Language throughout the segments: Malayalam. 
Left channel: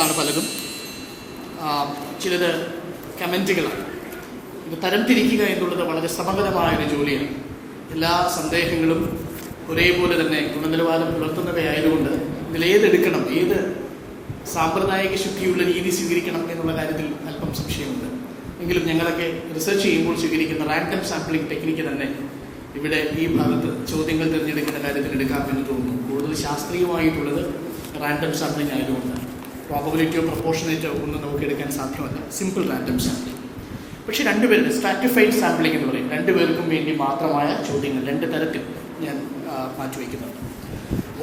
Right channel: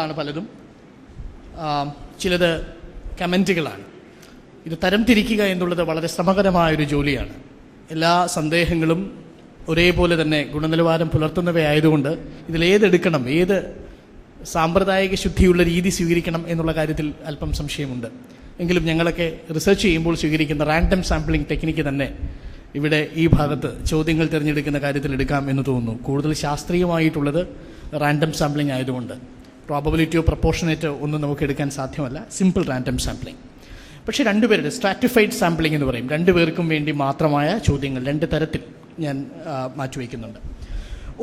ചോദ്യങ്ങളാണ് പലതും, ചിലത് കമൻറ്റുകളാണ്. ഇത് തരംതിരിക്കുക എന്നുള്ളത് വളരെ ശ്രമകരമായൊരു ജോലിയാണ്. എല്ലാ സന്ദേഹങ്ങളും ഒരേപോലെ തന്നെ ഗുണനിലവാരം പുലർത്തുന്നവയായതുകൊണ്ട് ഇതിലേതെടുക്കണം, ഏത് സാമ്പ്രദായിക ശുദ്ധിയുള്ള രീതി സ്വീകരിക്കണം എന്നുള്ള കാര്യത്തിൽ അല്പം സംശയമുണ്ട്. എങ്കിലും ഞങ്ങളൊക്കെ റിസർച്ച് ചെയ്യുമ്പോൾ സ്വീകരിക്കുന്ന റാൻഡം സാമ്പിളിംഗ് ടെക്നിക്ക് തന്നെ ഇവിടെ ഈ ഭാഗത്ത് ചോദ്യങ്ങൾ തിരഞ്ഞെടുക്കുന്ന കാര്യത്തിൽ എടുക്കാം എന്ന് തോന്നുന്നു. കൂടുതൽ ശാസ്ത്രീയമായിട്ടുള്ളത് റാൻഡം സാമ്പിളിംഗ് ആയതുകൊണ്ട് പ്രോബബിലിറ്റിയോ പ്രപ്പോർഷനേറ്റോ ഒന്നും നമുക്ക് എടുക്കാൻ സാധ്യമല്ല. Simple random sampling. പക്ഷേ രണ്ടുപേരുടെ സ്ട്രാറ്റിഫൈഡ് സാമ്പിളിംഗ് എന്ന് പറയും. രണ്ടുപേർക്കും വേണ്ടി മാത്രമായ ചോദ്യങ്ങൾ രണ്ട് തരത്തിൽ ഞാൻ മാറ്റിവെക്കുന്നുണ്ട്.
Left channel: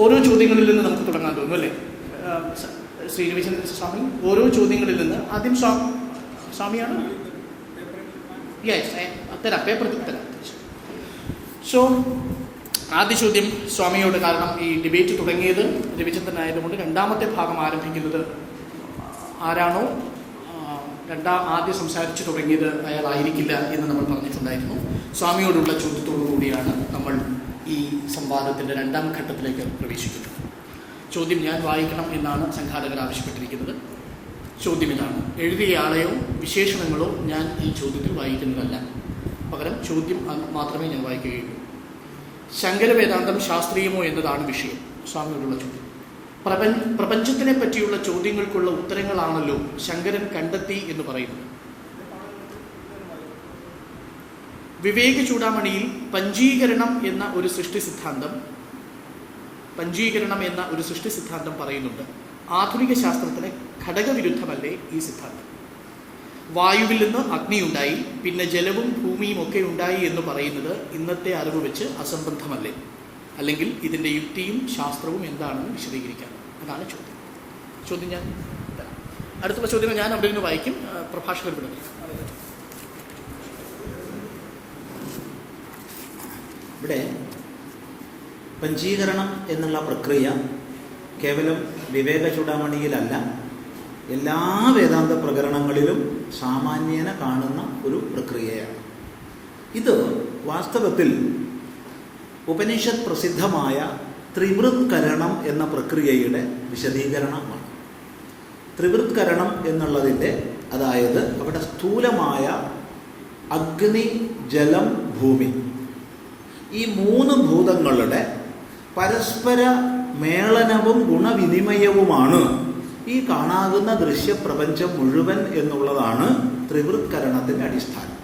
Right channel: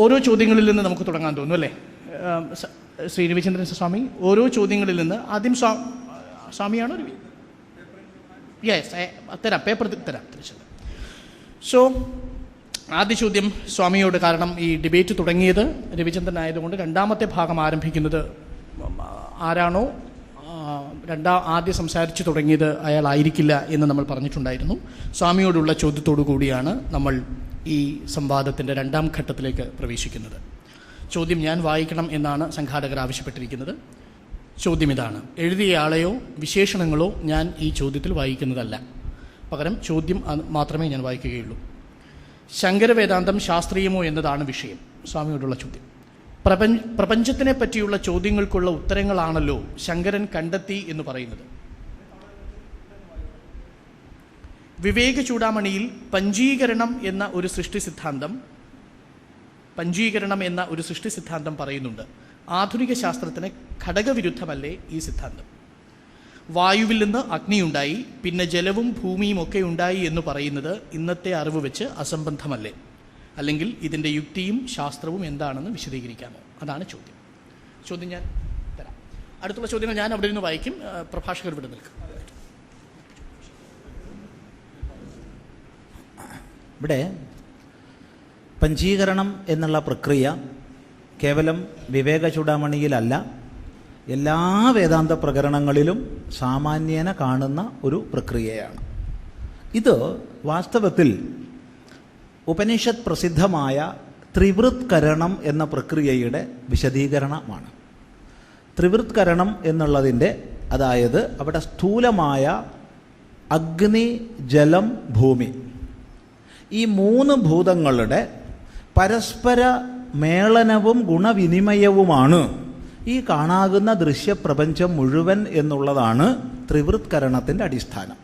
ഓരോ ചോദ്യങ്ങളിൽ നിന്ന് നമുക്ക് തുടങ്ങാൻ തോന്നുന്നു അല്ലേ ശ്രീ രവിചന്ദ്രൻ സ്വാമി? ഓരോ ചോദ്യങ്ങളിൽ നിന്ന് ആദ്യം സ്വാമിയാണ് തരാം, പേപ്പർ തരാം. സോ ആദ്യ ചോദ്യം സ്വാമിയോട്. കാരണം ഈ ഡിബേറ്റ് തുടങ്ങിയത് രവിചന്ദ്രൻ ആയതുകൊണ്ട് രണ്ടാമത്തെ ഭാഗം ആരംഭിക്കുന്നത് ആരാണോ ആദ്യം സംസാരിച്ചു തുടങ്ങിയത് അയാളായിരിക്കില്ല എന്ന് നമ്മൾ പറഞ്ഞിട്ടുണ്ടായിരുന്നു. സ്വാമിയോടുള്ള ചോദ്യത്തോടു കൂടിയാണ് നമ്മൾ ഈ സംവാദത്തിൻ്റെ രണ്ടാം ഘട്ടത്തിലേക്ക് പ്രവേശിക്കുന്നത്. ചോദ്യം ഞാൻ വായിക്കണം എന്നാണ് സംഘാടകർ ആവശ്യപ്പെട്ടിരിക്കുന്നത്. ചോദ്യം ഇതാണ്. എഴുതിയയാളെയോ വിശേഷണങ്ങളോ ഞാൻ ഈ ചോദ്യത്തിൽ വായിക്കുന്നതല്ല. പകരം ചോദ്യം മാത്രമേ ഞാൻ വായിക്കുകയുള്ളൂ. ശങ്കരവേദാന്തം ശാസ്ത്രീയമോ എന്നതാണ് വിഷയം. സ്വാമിയോടുള്ള ചോദ്യം. പ്രപഞ്ചത്തിനെ പറ്റിയുള്ള ചോദ്യങ്ങൾക്കുള്ള ഉത്തരങ്ങളാണല്ലോ ശങ്കരൻ കണ്ടെത്തി എന്ന് പറയുന്നത്. വിവേക ചൂടാമണിയിൽ പഞ്ചീകരണം എന്ന ഒരു സൃഷ്ടി സിദ്ധാന്തം പറയുന്നുണ്ട്. ആധുനിക ശാസ്ത്രത്തിന് ഘടകവിരുദ്ധമല്ലേ ഈ സിദ്ധാന്തം? വായുവിൽ നിന്ന് അഗ്നിയുണ്ടായി, പിന്നെ ജലവും ഭൂമിയും ഒക്കെ ഉണ്ടായി എന്ന് പറയുന്നത് ഇന്നത്തെ അറിവ് വെച്ച് അസംബന്ധമല്ലേ? അല്ലെങ്കിൽ ഇതിൻ്റെ യുക്തിയും ശാസ്ത്രവും എന്താണെന്ന് വിശദീകരിക്കാം. അതാണ് ചോദ്യം ഞാൻ തരാം. അടുത്ത ചോദ്യങ്ങൾ ഞാൻ അവിടെ നിന്ന് വായിക്കും, പ്രഭാഷകർ ഇവിടെ നിൽക്കും. ഇവിടെ പഞ്ചീകരണം എന്നുള്ള പ്രക്രിയ കേവലം വിവേക ചൂടാമണിയിലല്ല, എല്ലാ വേദാന്ത പ്രകരണങ്ങളിലും സാമാന്യേന കാണുന്ന ഒരു പ്രക്രിയയാണ്. ഇത് വാസ്തവത്തിൽ ഉപനിഷത്ത് പ്രസിദ്ധമായ ത്രിവൃത്കരണം എന്ന പ്രക്രിയയുടെ വിശദീകരണമാണ്. ത്രിവൃത്കരണം എന്നുള്ളതിൻ്റെ, അതായത് അവിടെ സ്ഥൂലമായ അഗ്നി, ജലം, ഭൂമി, ഈ മൂന്ന് ഭൂതങ്ങളുടെ പരസ്പര മേളനവും ഗുണവിനിമയവുമാണ് ഈ കാണാകുന്ന ദൃശ്യപ്രപഞ്ചം മുഴുവൻ എന്നുള്ളതാണ് ത്രിവൃത്കരണത്തിൻ്റെ അടിസ്ഥാനം.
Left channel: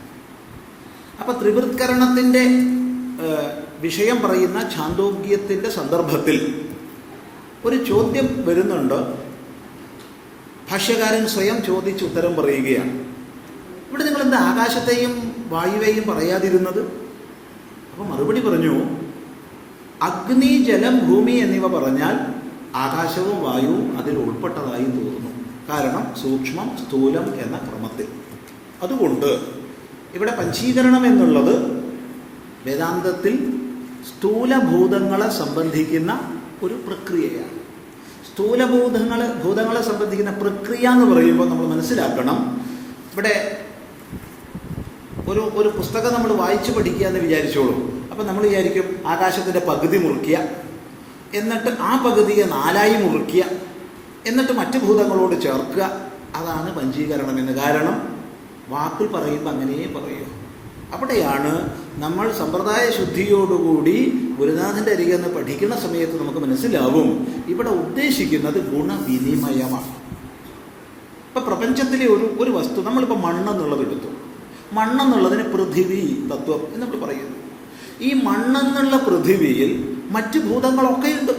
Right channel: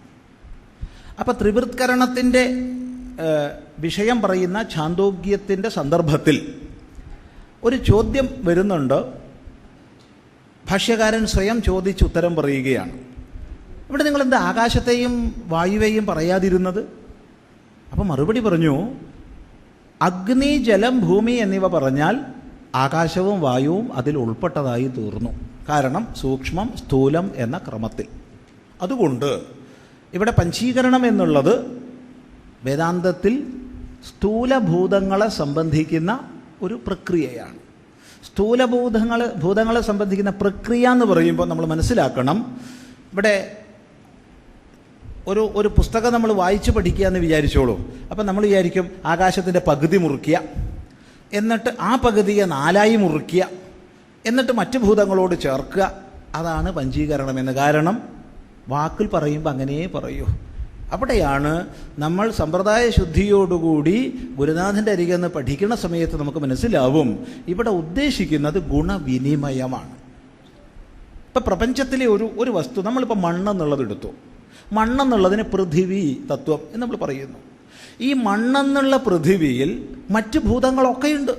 അപ്പം ത്രിവൃത്കരണത്തിൻ്റെ വിഷയം പറയുന്ന ഛാന്തോഗ്യത്തിൻ്റെ സന്ദർഭത്തിൽ ഒരു ചോദ്യം വരുന്നുണ്ട്. ഭാഷ്യകാരൻ സ്വയം ചോദിച്ച് ഉത്തരം പറയുകയാണ്. ഇവിടെ നിങ്ങളെന്താ ആകാശത്തെയും വായുവേയും പറയാതിരുന്നത്? അപ്പം മറുപടി പറഞ്ഞു, അഗ്നി, ജലം, ഭൂമി എന്നിവ പറഞ്ഞാൽ ആകാശവും വായുവും അതിൽ ഉൾപ്പെട്ടതായി തീർന്നു. കാരണം സൂക്ഷ്മം സ്ഥൂലം എന്ന ക്രമത്തിൽ. അതുകൊണ്ട് ഇവിടെ പഞ്ചീകരണം എന്നുള്ളത് വേദാന്തത്തിൽ സ്ഥൂലഭൂതങ്ങളെ സംബന്ധിക്കുന്ന ഒരു പ്രക്രിയയാണ്. ഭൂതങ്ങളെ സംബന്ധിക്കുന്ന പ്രക്രിയ എന്ന് പറയുമ്പോൾ നമ്മൾ മനസ്സിലാക്കണം, ഇവിടെ ഒരു പുസ്തകം നമ്മൾ വായിച്ചു പഠിക്കുക എന്ന് വിചാരിച്ചോളൂ. അപ്പം നമ്മൾ വിചാരിക്കും ആകാശത്തിൻ്റെ പകുതി മുറിക്കുക, എന്നിട്ട് ആ പകുതിയെ 4ആയി മുറിക്കുക, എന്നിട്ട് മറ്റ് ഭൂതങ്ങളോട് ചേർക്കുക. അതാണ് പഞ്ചീകരണം എന്ന്. കാരണം വാക്കിൽ പറയുമ്പോൾ അങ്ങനെ പറയൂ. അവിടെയാണ് നമ്മൾ സമ്പ്രദായ ശുദ്ധിയോടുകൂടി ഗുരുനാഥൻ്റെ അരികെ നിന്ന് പഠിക്കുന്ന സമയത്ത് നമുക്ക് മനസ്സിലാവും ഇവിടെ ഉദ്ദേശിക്കുന്നത് ഗുണവിനിമയമാണ്. ഇപ്പം പ്രപഞ്ചത്തിലെ ഒരു വസ്തു, നമ്മളിപ്പോൾ മണ്ണെന്നുള്ളത് എടുത്തു. മണ്ണെന്നുള്ളതിന് പൃഥിവി തത്വം എന്ന് നമ്മൾ പറയുന്നു. ഈ മണ്ണെന്നുള്ള പൃഥിവിയിൽ മറ്റ് ഭൂതങ്ങളൊക്കെ ഉണ്ട്.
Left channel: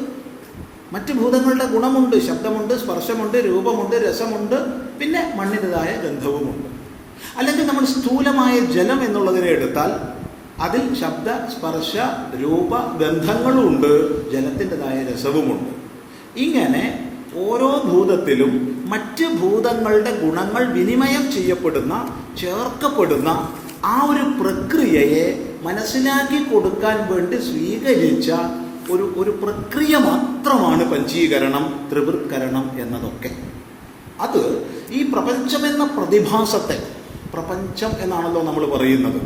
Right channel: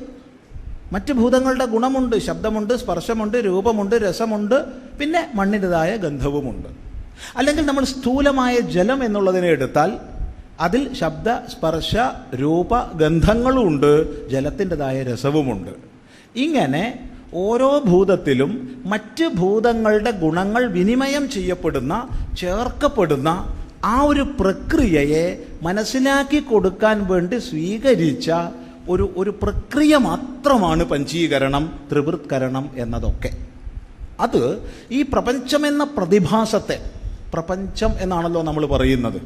മറ്റ് ഭൂതങ്ങളുടെ ഗുണമുണ്ട്, ശബ്ദമുണ്ട്, സ്പർശമുണ്ട്, രൂപമുണ്ട്, രസമുണ്ട്, പിന്നെ മണ്ണിൻ്റെതായ ഗന്ധവുമുണ്ട്. അല്ലെങ്കിൽ നമ്മൾ സ്ഥൂലമായ ജലം എന്നുള്ളതിനെ എടുത്താൽ അതിൽ ശബ്ദ, സ്പർശ, രൂപ, ഗന്ധങ്ങളുമുണ്ട്, ജലത്തിൻ്റെതായ രസവുമുണ്ട്. ഇങ്ങനെ ഓരോ ഭൂതത്തിലും മറ്റ് ഭൂതങ്ങളുടെ ഗുണങ്ങൾ വിനിമയം ചെയ്യപ്പെടുന്ന, ചേർക്കപ്പെടുന്ന ആ ഒരു പ്രക്രിയയെ മനസ്സിലാക്കി കൊടുക്കാൻ വേണ്ടി സ്വീകരിച്ച ഒരു പ്രക്രിയ മാത്രമാണ് പഞ്ചീകരണം, ത്രിവൃത്കരണം എന്നതൊക്കെ. അത് ഈ പ്രപഞ്ചമെന്ന പ്രതിഭാസത്തെ, പ്രപഞ്ചം എന്നാണല്ലോ നമ്മൾ പറയുന്നത്.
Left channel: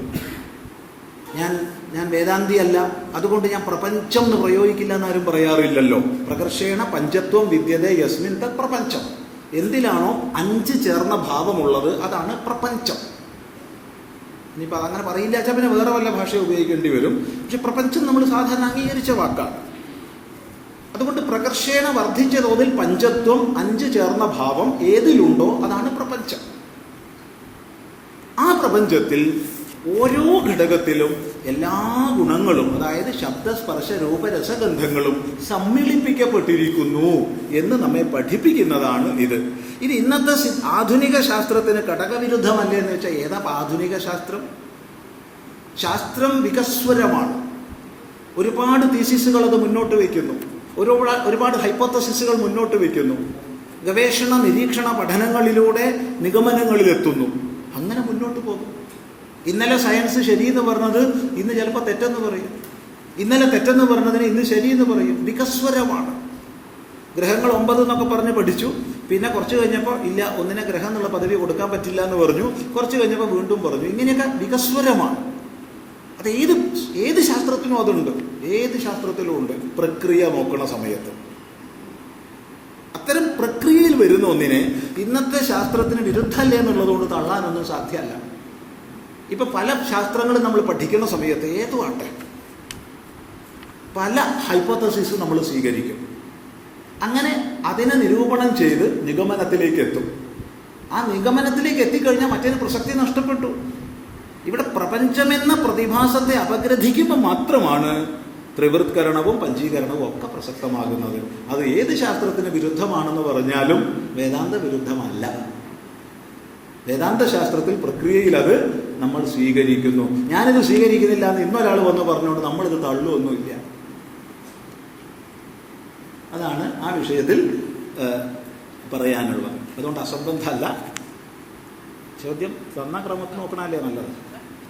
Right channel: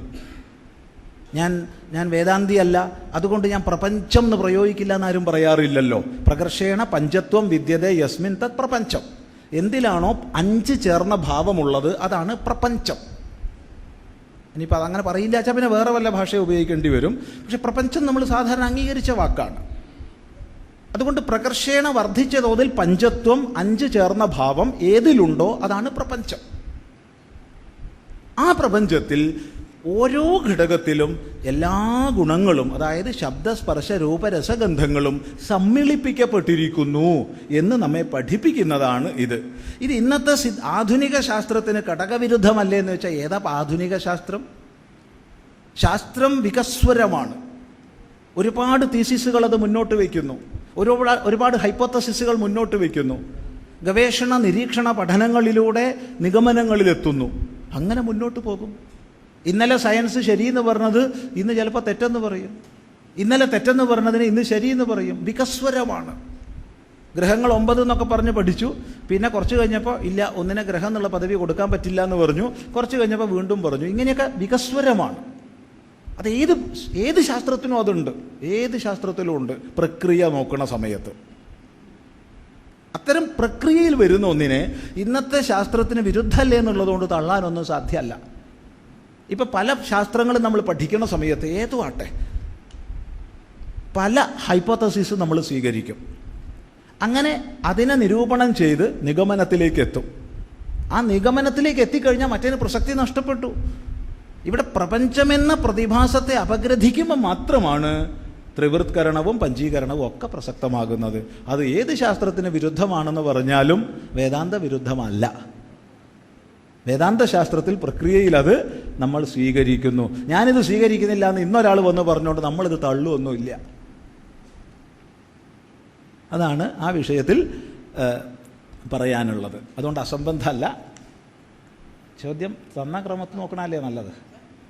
ഞാൻ വേദാന്തിയല്ല, അതുകൊണ്ട് ഞാൻ പ്രപഞ്ചം എന്ന് പ്രയോഗിക്കില്ല എന്നാരും പറയാറില്ലല്ലോ. പ്രകർഷേണ പഞ്ചത്വം വിദ്യതേ യസ്മിൻ തത് പ്രപഞ്ചം. എന്തിലാണോ 5 ചേർന്ന ഭാവമുള്ളത് അതാണ് പ്രപഞ്ചം. ഇനിയിപ്പോൾ അതങ്ങനെ പറയില്ല വെച്ചാൽ പിന്നെ വേറെ വല്ല ഭാഷ ഉപയോഗിക്കേണ്ടി വരും. പക്ഷെ പ്രപഞ്ചം നമ്മൾ സാധാരണ അംഗീകരിച്ച വാക്കാണ്. അതുകൊണ്ട് പ്രകർഷേണ വർദ്ധിച്ച തോതിൽ പഞ്ചത്വം 5 ചേർന്ന ഭാവം ഏതിലുണ്ടോ അതാണ് പ്രപഞ്ചം. ആ പ്രപഞ്ചത്തിൽ ഓരോ ഘടകത്തിലും എല്ലാ ഗുണങ്ങളും, അതായത് ശബ്ദസ്പർശ രൂപരസഗന്ധങ്ങളും സമ്മിളിപ്പിക്കപ്പെട്ടിരിക്കുന്നു എന്ന് നമ്മെ പഠിപ്പിക്കുന്നതാണ് ഇത്. ഇത് ഇന്നത്തെ ആധുനിക ശാസ്ത്രത്തിന് ഘടകവിരുദ്ധമല്ലേ എന്ന് വെച്ചാൽ ഏതാ ആധുനിക ശാസ്ത്രം? ശാസ്ത്രം വികസ്വരമാണ്. ഒരുപാട് തീസിസുകൾ അത് മുന്നോട്ട് വയ്ക്കുന്നു, ഒരുപാട് ഹൈപ്പോത്തസിസുകൾ മുന്നോട്ട് വയ്ക്കുന്നു, ഗവേഷണ നിരീക്ഷണ പഠനങ്ങളിലൂടെ നിഗമനങ്ങളിലെത്തുന്നു. അങ്ങനെ മുന്നോട്ട് പോകും. ഇന്നലെ സയൻസ് ശരിയെന്ന് പറഞ്ഞത് ഇന്ന് ചിലപ്പോൾ തെറ്റെന്ന് പറയും, ഇന്നലെ തെറ്റെന്ന് പറഞ്ഞതിന് ഇന്ന് ശരിയെന്ന് പറയും. വികസ്വരമാണ്. ഗ്രഹങ്ങൾ 9 എന്നൊക്കെ പറഞ്ഞ് പഠിച്ചു, പിന്നെ കുറച്ച് കഴിഞ്ഞപ്പോൾ ഇല്ല, ഒന്നിനെ ഗ്രഹം എന്നുള്ള പദവി കൊടുക്കാൻ പറ്റില്ല എന്ന് പറഞ്ഞു, കുറച്ച് കഴിഞ്ഞപ്പോൾ വീണ്ടും പറഞ്ഞു. ഇങ്ങനെയൊക്കെ വികസ്വരമാണ്. അത് ഏത് ശാസ്ത്രത്തിനും അതുണ്ട്, ഏത് ശാസ്ത്രത്തിലും ഉണ്ട്. പ്രക്രിയ നോക്കുന്ന സമയത്ത് അത്തരം പ്രക്രിയയിൽ വരുന്ന ഒന്നിനെ ഇന്നത്തെ ശാസ്ത്രത്തിന് വിരുദ്ധമല്ലേ എന്നുള്ളതുകൊണ്ട് തള്ളാനൊന്നും സാധ്യമല്ല. ഇപ്പം പല ശാസ്ത്രങ്ങളും നമ്മൾ പഠിക്കുന്ന സമയത്ത് ഏതുമാട്ടെ പല ഹൈപ്പോത്തസിസ് നമ്മൾ സ്വീകരിക്കും. അങ്ങനെ അതിനെ നിരൂപണം ചെയ്ത് നിഗമനത്തിലേക്ക് എത്തും. ആ നിഗമനത്തിലേക്ക് എത്തിക്കഴിഞ്ഞാൽ മറ്റൊരു പ്രസക്തി നഷ്ടപ്പെട്ടു. ഇവിടെ പ്രപഞ്ചമെന്ന പ്രതിഭാസത്തെ അപഗ്രഥിക്കുമ്പോൾ മാത്രമാണ് ത്രിവൃത്കരണവും പഞ്ചീകരണവും ഒക്കെ പ്രസക്തമാകുന്നത്. അത് ഏത് ശാസ്ത്രത്തിന് വിരുദ്ധമാണെന്ന് പറഞ്ഞാലും വേദാന്ത വിരുദ്ധമല്ല. വേദാന്ത ശാസ്ത്രത്തിൽ പ്രക്രിയയിൽ അത് നമ്മൾ സ്വീകരിക്കുന്നു. ഞാനിത് സ്വീകരിക്കുന്നില്ല എന്ന് ഇന്നൊരാൾ വന്ന് പറഞ്ഞുകൊണ്ട് നമ്മളിത് തള്ളുമൊന്നുമില്ല. അതാണ് ആ വിഷയത്തിൽ പറയാനുള്ളത്. അതുകൊണ്ട് അസംബന്ധമല്ല. ചോദ്യം തന്ന ക്രമത്തിൽ നോക്കണമല്ലേ നല്ലത്,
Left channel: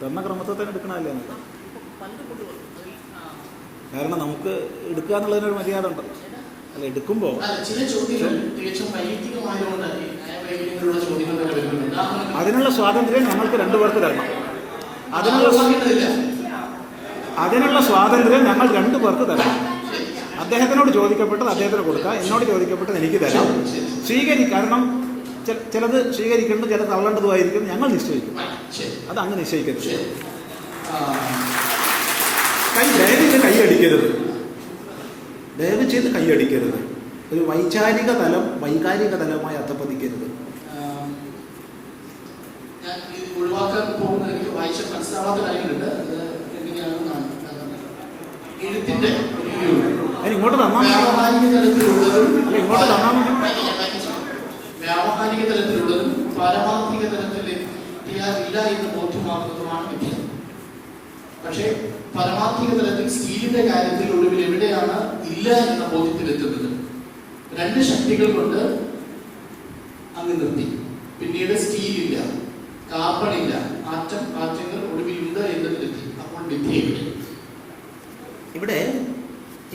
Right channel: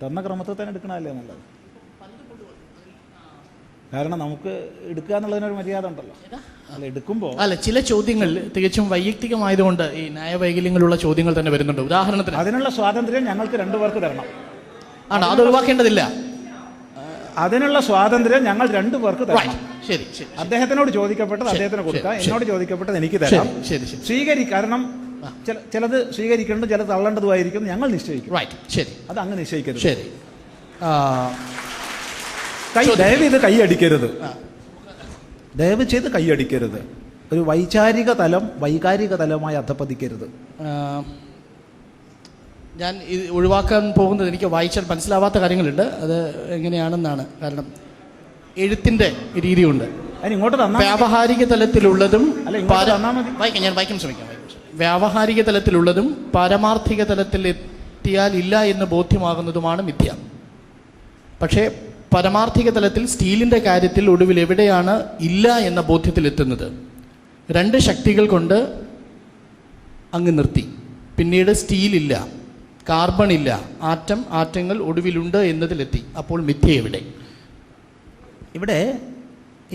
തന്ന ക്രമത്തിൽ തന്നെ എടുക്കണമല്ലേ നല്ലത്. കാരണം നമുക്ക് എടുക്കുക എന്നുള്ളതിനൊരു മര്യാദ ഉണ്ടല്ലോ. അല്ല, എടുക്കുമ്പോൾ ചില ചോദ്യങ്ങൾ തികച്ചും വൈയക്തികമായതുകൊണ്ട് ഈ ന്യായവൈകല്യങ്ങളുള്ള ചോദ്യങ്ങൾ തന്നെ വരുന്നുണ്ട്. ഉദാഹരണത്തിന് അതിനുള്ള സ്വാതന്ത്ര്യം ഞങ്ങൾക്ക് 2 പേർക്ക് തരണം. ആണ്, അത് ഒഴിവാക്കേണ്ടതില്ല. അതിനുള്ള സ്വാതന്ത്ര്യം ഞങ്ങൾ 2 പേർക്ക് തരണം. ശരി, ശരി. അദ്ദേഹത്തിനോട് ചോദിക്കപ്പെട്ടത് അദ്ദേഹത്തിന് കൊടുക്കുക, എന്നോട് ചോദിക്കപ്പെട്ടത് എനിക്ക് തരാം. കാരണം ചിലത് സ്വീകരിക്കേണ്ടത് ചിലത് തള്ളേണ്ടതുമായിരിക്കും. ഞങ്ങൾ നിശ്ചയിക്കും. അത് അങ്ങ് നിശ്ചയിക്കരുത്. ദയവ് കൈയടിക്കരുത്, ദയവ് ചെയ്ത് കൈയടിക്കരുത്. ഒരു വൈകാരിക തലം വൈകാരിക തലവുമായി അധപ്പതിക്കരുത്. ഞാൻ ഇത് ഒഴിവാക്കാൻ പോകുന്നത് എനിക്ക് വായിച്ചാൽ മനസ്സിലാവാത്ത കാര്യങ്ങളുണ്ട്. അത് എങ്ങനെയാണെന്നാണ്. കാരണം എഴുത്തിൻ്റെ രീതിയുണ്ട്. വ്യാവഹാരിക തലത്തിലുള്ളതും ഞാൻ വായിക്കാൻ ശ്രമിക്കും. വ്യാവഹാരിക തലത്തിലുള്ളതും പാരമാർത്ഥിക തലത്തിൽ എത്തിയാൽ ഇല്ല എന്ന് ബോധ്യമാകുന്നതുമാണ് മിഥ്യ. പക്ഷേ പരമാർത്ഥിക തലത്തിൽ സ്റ്റീലിൻ്റെ കാര്യത്തിൽ ഒടുവിൽ എവിടെയാണ് ഇല്ല എന്ന ബോധ്യത്തിലെത്തുന്നത്? 2 ശക്തികൾ കൊണ്ട് അങ്ങ് നിർത്തി. പിന്നീട് സ്റ്റീലില്ല, കാർബൺ ഇല്ല, ആറ്റങ്ങൾ ഒടുവിലുണ്ട് എന്നതിലെത്തി. അപ്പോൾ മിഥ്യ എവിടെ? ഇവിടെ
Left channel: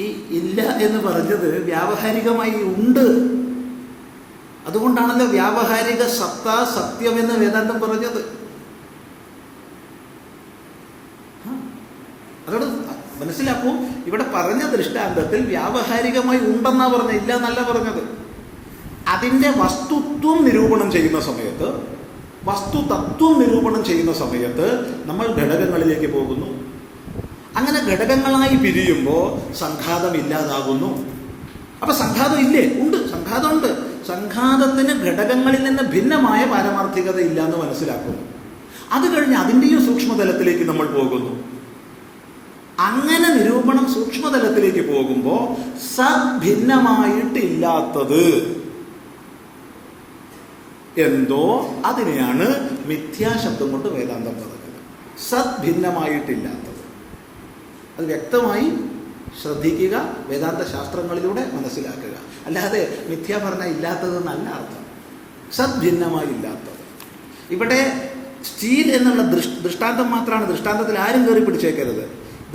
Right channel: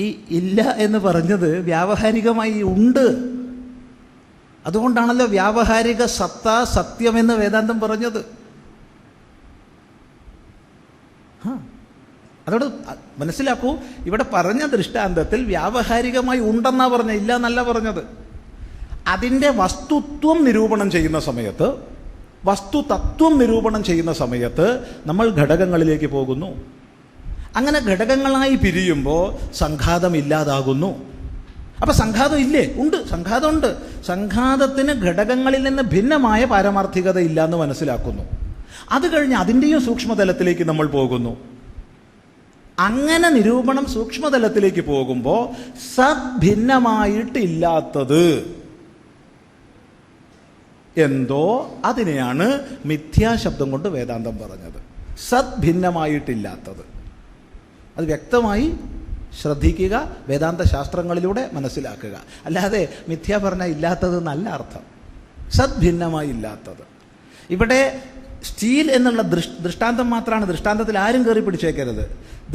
ഈ ഇല്ല എന്ന് പറഞ്ഞത് വ്യാവഹാരികമായി ഉണ്ട്. അതുകൊണ്ടാണല്ലോ വ്യാവഹാരിക സത്ത സത്യമെന്ന് വേദാന്തം പറഞ്ഞത്. അതോട് മനസ്സിലാക്കൂ. ഇവിടെ പറഞ്ഞ ദൃഷ്ടാന്തത്തിൽ വ്യാവഹാരികമായി ഉണ്ടെന്നാ പറഞ്ഞത്, ഇല്ല എന്നല്ല പറഞ്ഞത്. അതിൻ്റെ വസ്തുത്വം നിരൂപണം ചെയ്യുന്ന സമയത്ത്, വസ്തുതത്വം നിരൂപണം ചെയ്യുന്ന സമയത്ത് നമ്മൾ ഘടകങ്ങളിലേക്ക് പോകുന്നു. അങ്ങനെ ഘടകങ്ങളായി പിരിയുമ്പോൾ സംഘാതം ഇല്ലാതാകുന്നു. അപ്പം സംഘാതം ഇല്ലേ? ഉണ്ട്, സംഘാതമുണ്ട്. സംഘാതത്തിന് ഘടകങ്ങളിൽ നിന്ന് ഭിന്നമായ പാരമാർത്ഥികത ഇല്ല എന്ന് മനസ്സിലാക്കുന്നു. അത് കഴിഞ്ഞ് അതിൻ്റെയും സൂക്ഷ്മതലത്തിലേക്ക് നമ്മൾ പോകുന്നു. അങ്ങനെ നിരൂപണം സൂക്ഷ്മതലത്തിലേക്ക് പോകുമ്പോൾ സഭിന്നമായിട്ടില്ലാത്തത് എന്തോ അതിനെയാണ് മിഥ്യാശബ്ദം കൊണ്ട് വേദാന്തം പറഞ്ഞത്. സദ്ഭിന്നമായിട്ടില്ലാത്തത്. അത് വ്യക്തമായി ശ്രദ്ധിക്കുക, വേദാന്ത ശാസ്ത്രങ്ങളിലൂടെ മനസ്സിലാക്കുക. അല്ലാതെ മിഥ്യ പറഞ്ഞാൽ ഇല്ലാത്തത് നല്ല അർത്ഥം. സദ്ഭിന്നമായി ഇല്ലാത്തത്. ഇവിടെ സ്റ്റീൽ എന്നുള്ള ദൃഷ്ടാന്തം മാത്രമാണ്. ദൃഷ്ടാന്തത്തിൽ ആരും കയറി പിടിച്ചേക്കരുത്.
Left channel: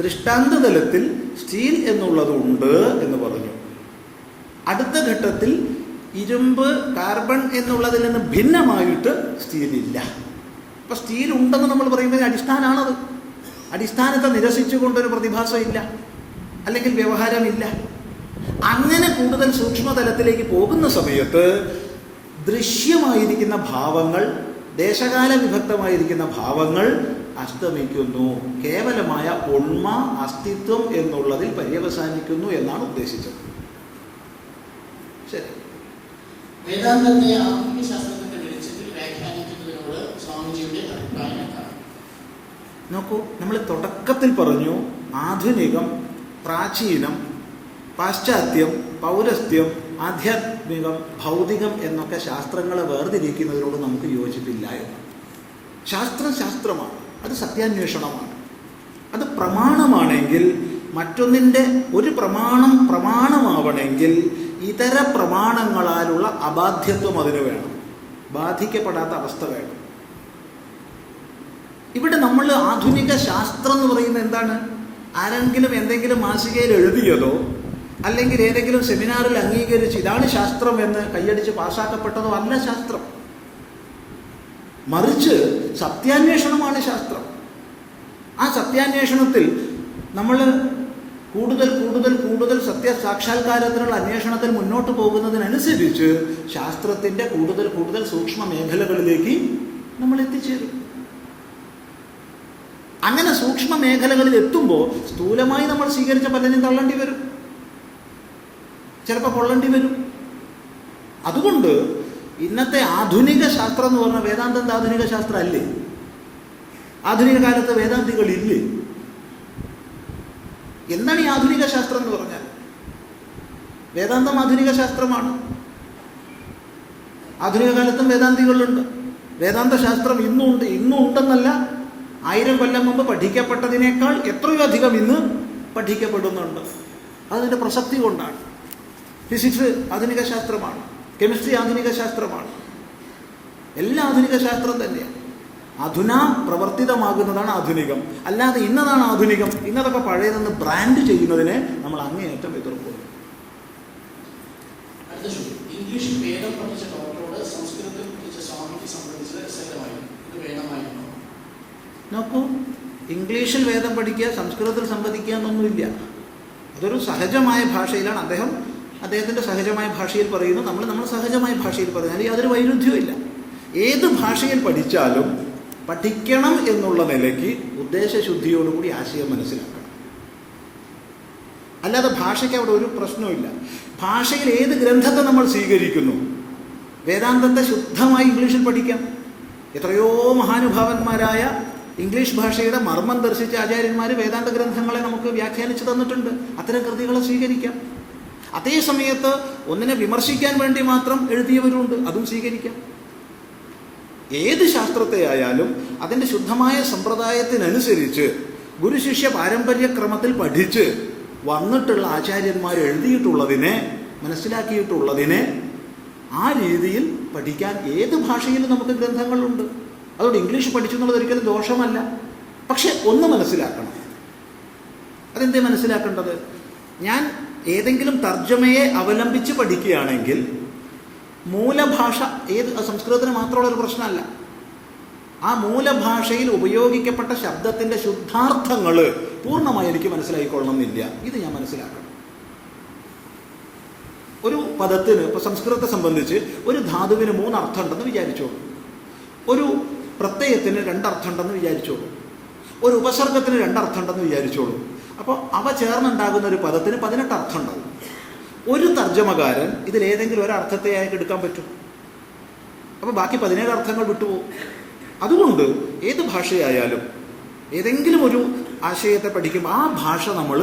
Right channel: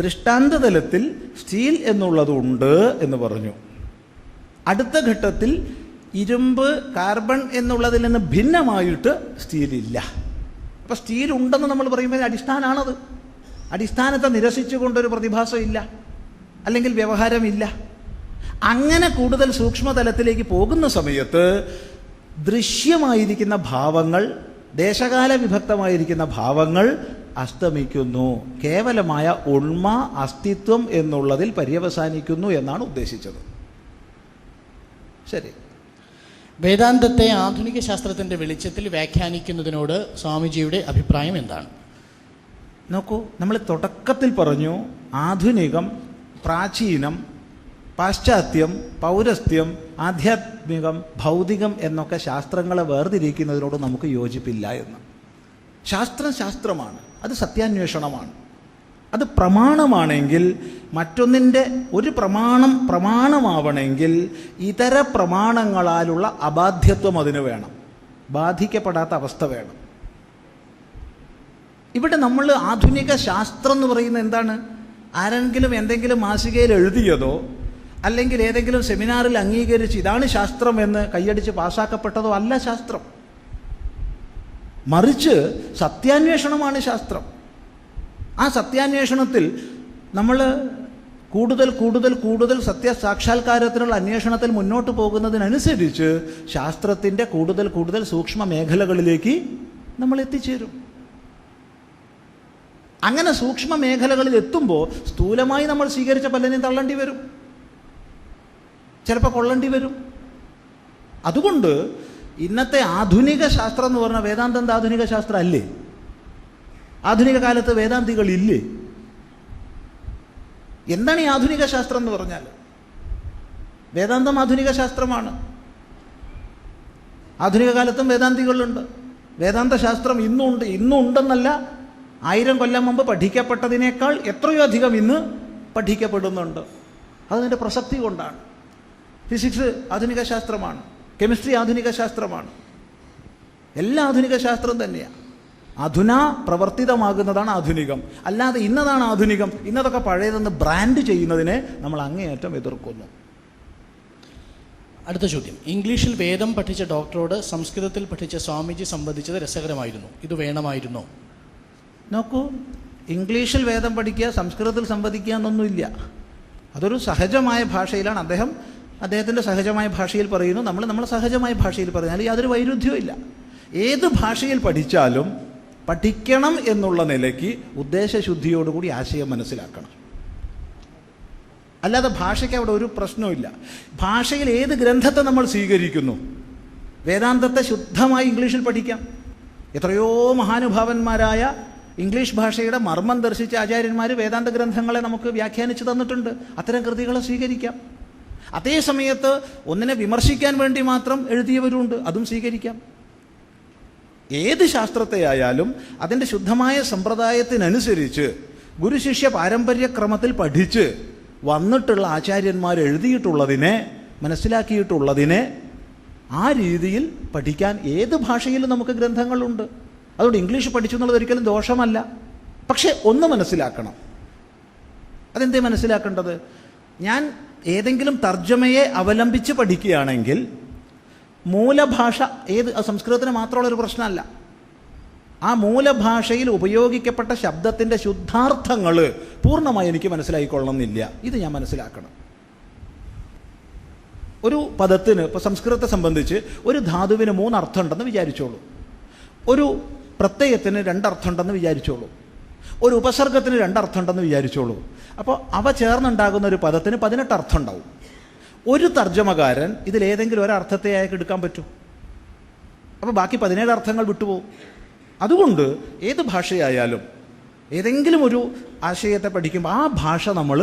ദൃഷ്ടാന്ത തലത്തിൽ സ്റ്റീൽ എന്നുള്ളതുണ്ട് എന്ന് പറഞ്ഞു. അടുത്ത ഘട്ടത്തിൽ ഇരുമ്പ്, കാർബൺ എന്നുള്ളതിൽ നിന്ന് ഭിന്നമായിട്ട് സ്റ്റീലില്ല. അപ്പം സ്റ്റീൽ ഉണ്ടെന്ന് നമ്മൾ പറയുന്നതിന് അടിസ്ഥാനമാണത്. അടിസ്ഥാനത്തെ നിരസിച്ചുകൊണ്ടൊരു പ്രതിഭാസം ഇല്ല, അല്ലെങ്കിൽ വ്യവഹാരമില്ല. അങ്ങനെ കൂടുതൽ സൂക്ഷ്മതലത്തിലേക്ക് പോകുന്ന സമയത്ത് ദൃശ്യമായിരിക്കുന്ന ഭാവങ്ങൾ, ദേശകാല വിഭക്തമായിരിക്കുന്ന ഭാവങ്ങൾ അസ്തമിക്കുന്നു. കേവലമായ ഉണ്മ, അസ്തിത്വം എന്നുള്ളതിൽ പര്യവസാനിക്കുന്നു എന്നാണ് ഉദ്ദേശിച്ചത്. ശരി. വേദാന്തത്തെ ആധുനിക ശാസ്ത്രത്തിൻ്റെ വെളിച്ചത്തിൽ വ്യാഖ്യാനിക്കുന്നതിനോട് സ്വാമിജിയുടെ അഭിപ്രായം എന്താണ്? നോക്കൂ, നമ്മൾ തുടക്കത്തിൽ പറഞ്ഞു ആധുനികം, പ്രാചീനം, പാശ്ചാത്യം, പൗരസ്ത്യം, ആധ്യാത്മികം, ഭൗതികം എന്നൊക്കെ ശാസ്ത്രങ്ങളെ വേർതിരിക്കുന്നതിനോട് നമുക്ക് യോജിപ്പില്ല എന്ന്. ശാസ്ത്രം ശാസ്ത്രമാണ്, അത് സത്യാന്വേഷണമാണ്. അത് പ്രമാണമാണെങ്കിൽ മറ്റൊന്നിൻ്റെ ഒരു പ്രമാണം പ്രമാണമാവണമെങ്കിൽ ഇതര പ്രമാണങ്ങളാലുള്ള അബാധ്യത്വം അതിന് വേണം, ബാധിക്കപ്പെടാത്ത അവസ്ഥ വേണം. ഇവിടെ നമ്മൾ ആധുനിക ശാസ്ത്രം എന്ന് പറയുന്നത് എന്താണ്? ആരെങ്കിലും എന്തെങ്കിലും മാസികയിൽ എഴുതിയതോ അല്ലെങ്കിൽ ഏതെങ്കിലും സെമിനാറിൽ അംഗീകരിച്ച് ഇതാണ് ശാസ്ത്രം എന്ന് കൈയടിച്ച് പാസ്സാക്കപ്പെട്ടതോ അല്ല ശാസ്ത്രം. മറിച്ച് സത്യാന്വേഷണമാണ് ശാസ്ത്രം. ആ സത്യാന്വേഷണത്തിൽ നമ്മൾ കൂടുതൽ കൂടുതൽ കൂടുതൽ സത്യസാക്ഷാത്കാരത്തിനുള്ള അന്വേഷണത്തിൽ മുന്നോട്ട് പോകുന്നതിനനുസരിച്ച് ശാസ്ത്രത്തിൻ്റെ കൂടുതൽ കൂടുതൽ സൂക്ഷ്മ മേഖലകളിലേക്ക് നമ്മൾ എത്തിച്ചേരും. അങ്ങനെ സൂക്ഷ്മ മേഖലകളിൽ എത്തുമ്പോൾ സ്ഥൂലമായി നമ്മൾ സ്വീകരിച്ച പലതിനും തള്ളേണ്ടി വരും, ചിലപ്പോൾ കൊള്ളേണ്ടി വരും. അതുകൊണ്ട് ഇന്നത്തെ ആധുനിക ശാസ്ത്രം എന്ന് പറഞ്ഞാൽ വേദാന്തം ആധുനിക ശാസ്ത്രം അല്ലേ? ആധുനിക കാലത്ത് വേദാന്തികളില്ലേ? എന്താണ് ഈ ആധുനിക ശാസ്ത്രം എന്ന് പറഞ്ഞാൽ? വേദാന്തം ആധുനിക ശാസ്ത്രമാണ്. ആധുനിക കാലത്തും വേദാന്തികളുണ്ട്. വേദാന്ത ശാസ്ത്രം ഇന്നുണ്ട്. ഇന്നുണ്ടെന്നല്ല, 1000 കൊല്ലം മുമ്പ് പഠിക്കപ്പെട്ടതിനേക്കാൾ എത്രയോ അധികം ഇന്ന് പഠിക്കപ്പെടുന്നുണ്ട്. അതിൻ്റെ പ്രസക്തി കൊണ്ടാണ്. ഫിസിക്സ് ആധുനിക ശാസ്ത്രമാണ്, കെമിസ്ട്രി ആധുനിക ശാസ്ത്രമാണ്, എല്ലാം ആധുനിക ശാസ്ത്രം തന്നെയാണ്. അധുന പ്രവർത്തിതമാകുന്നതാണ് ആധുനികം. അല്ലാതെ ഇന്നതാണ് ആധുനികം, ഇന്നതൊക്കെ പഴയതെന്ന് ബ്രാൻഡ് ചെയ്യുന്നതിനെ നമ്മൾ അങ്ങേയറ്റം എതിർക്കുന്നു. അടുത്ത ചോദ്യം. ഇംഗ്ലീഷിൽ വേദം പഠിച്ച ഡോക്ടറോട് സംസ്കൃതത്തിൽ പഠിച്ച സ്വാമിജി സംബന്ധിച്ചത് രസകരമായിരുന്നു. ഇത് വേണമായിരുന്നോ? നോക്കൂ, ഇംഗ്ലീഷിൽ വേദം പഠിക്കുക, സംസ്കൃതത്തിൽ സംവദിക്കുക എന്നൊന്നുമില്ല. അതൊരു സഹജമായ ഭാഷയിലാണ്. അദ്ദേഹത്തിൻ്റെ സഹജമായ ഭാഷയിൽ പറയുന്നു, നമ്മൾ സഹജമായ ഭാഷയിൽ പറയുന്നു. യാതൊരു വൈരുദ്ധ്യവും ഇല്ല. ഏത് ഭാഷയിൽ പഠിച്ചാലും പഠിക്കണം എന്നുള്ള നിലയ്ക്ക് ഉദ്ദേശശുദ്ധിയോടുകൂടി ആശയം മനസ്സിലാക്കണം. അല്ലാതെ ഭാഷയ്ക്ക് അവിടെ ഒരു പ്രശ്നവുമില്ല. ഭാഷയിൽ ഏത് ഗ്രന്ഥത്തെ നമ്മൾ സ്വീകരിക്കുന്നു, വേദാന്തത്തെ ശുദ്ധമായി ഇംഗ്ലീഷിൽ പഠിക്കാം. എത്രയോ മഹാനുഭാവന്മാരായ ഇംഗ്ലീഷ് ഭാഷയുടെ മർമ്മം ദർശിച്ച ആചാര്യന്മാർ വേദാന്ത ഗ്രന്ഥങ്ങളെ നമുക്ക് വ്യാഖ്യാനിച്ച് തന്നിട്ടുണ്ട്. അത്തരം കൃതികളെ സ്വീകരിക്കാം. അതേ സമയത്ത് ഒന്നിനെ വിമർശിക്കാൻ വേണ്ടി മാത്രം എഴുതിയവരുണ്ട്, അതും സ്വീകരിക്കാം. ഏത് ശാസ്ത്രത്തെ ആയാലും അതിൻ്റെ ശുദ്ധമായ സമ്പ്രദായത്തിനനുസരിച്ച് ഗുരുശിഷ്യ പാരമ്പര്യക്രമത്തിൽ പഠിച്ച് വന്നിട്ടുള്ള ആചാര്യന്മാർ എഴുതിയിട്ടുള്ളതിനെ, മനസ്സിലാക്കിയിട്ടുള്ളതിനെ ആ രീതിയിൽ പഠിക്കാൻ ഏത് ഭാഷയിലും നമുക്ക് ഗ്രന്ഥങ്ങളുണ്ട്. അതുകൊണ്ട് ഇംഗ്ലീഷ് പഠിച്ചു എന്നുള്ളത് ഒരിക്കലും ദോഷമല്ല. പക്ഷെ ഒന്ന് മനസ്സിലാക്കണം. അതെന്തേ മനസ്സിലാക്കേണ്ടത്? ഞാൻ ഏതെങ്കിലും തർജ്ജമയെ അവലംബിച്ച് പഠിക്കുകയാണെങ്കിൽ മൂലഭാഷ സംസ്കൃതത്തിന് മാത്രമുള്ളൊരു പ്രശ്നമല്ല. ആ മൂലഭാഷയിൽ ഉപയോഗിക്കപ്പെട്ട ശബ്ദത്തിൻ്റെ ശുദ്ധാർത്ഥങ്ങൾ പൂർണ്ണമായി എനിക്ക് മനസ്സിലായിക്കൊള്ളണമെന്നില്ല. ഇത് ഞാൻ മനസ്സിലാക്കണം. ഒരു പദത്തിന്, ഇപ്പോൾ സംസ്കൃതത്തെ സംബന്ധിച്ച് ഒരു ധാതുവിന് 3 അർത്ഥം ഉണ്ടെന്ന് വിചാരിച്ചോളൂ, ഒരു പ്രത്യയത്തിന് 2 അർത്ഥം ഉണ്ടെന്ന് വിചാരിച്ചോളൂ, ഒരു ഉപസർഗത്തിന് 2 അർത്ഥം ഉണ്ടെന്ന് വിചാരിച്ചോളൂ. അപ്പോൾ അവ ചേർന്നുണ്ടാകുന്ന ഒരു പദത്തിന് 18 അർത്ഥം ഉണ്ടാകും. ഒരു തർജ്ജമകാരൻ ഇതിലേതെങ്കിലും ഒരർത്ഥത്തെ അയാൾക്ക് എടുക്കാൻ പറ്റും. അപ്പോൾ ബാക്കി 17 അർത്ഥങ്ങൾ വിട്ടുപോകും. അതുകൊണ്ട് ഏത് ഭാഷയായാലും ഏതെങ്കിലും ഒരു ആശയത്തെ പഠിക്കുമ്പോൾ ആ ഭാഷ നമ്മൾ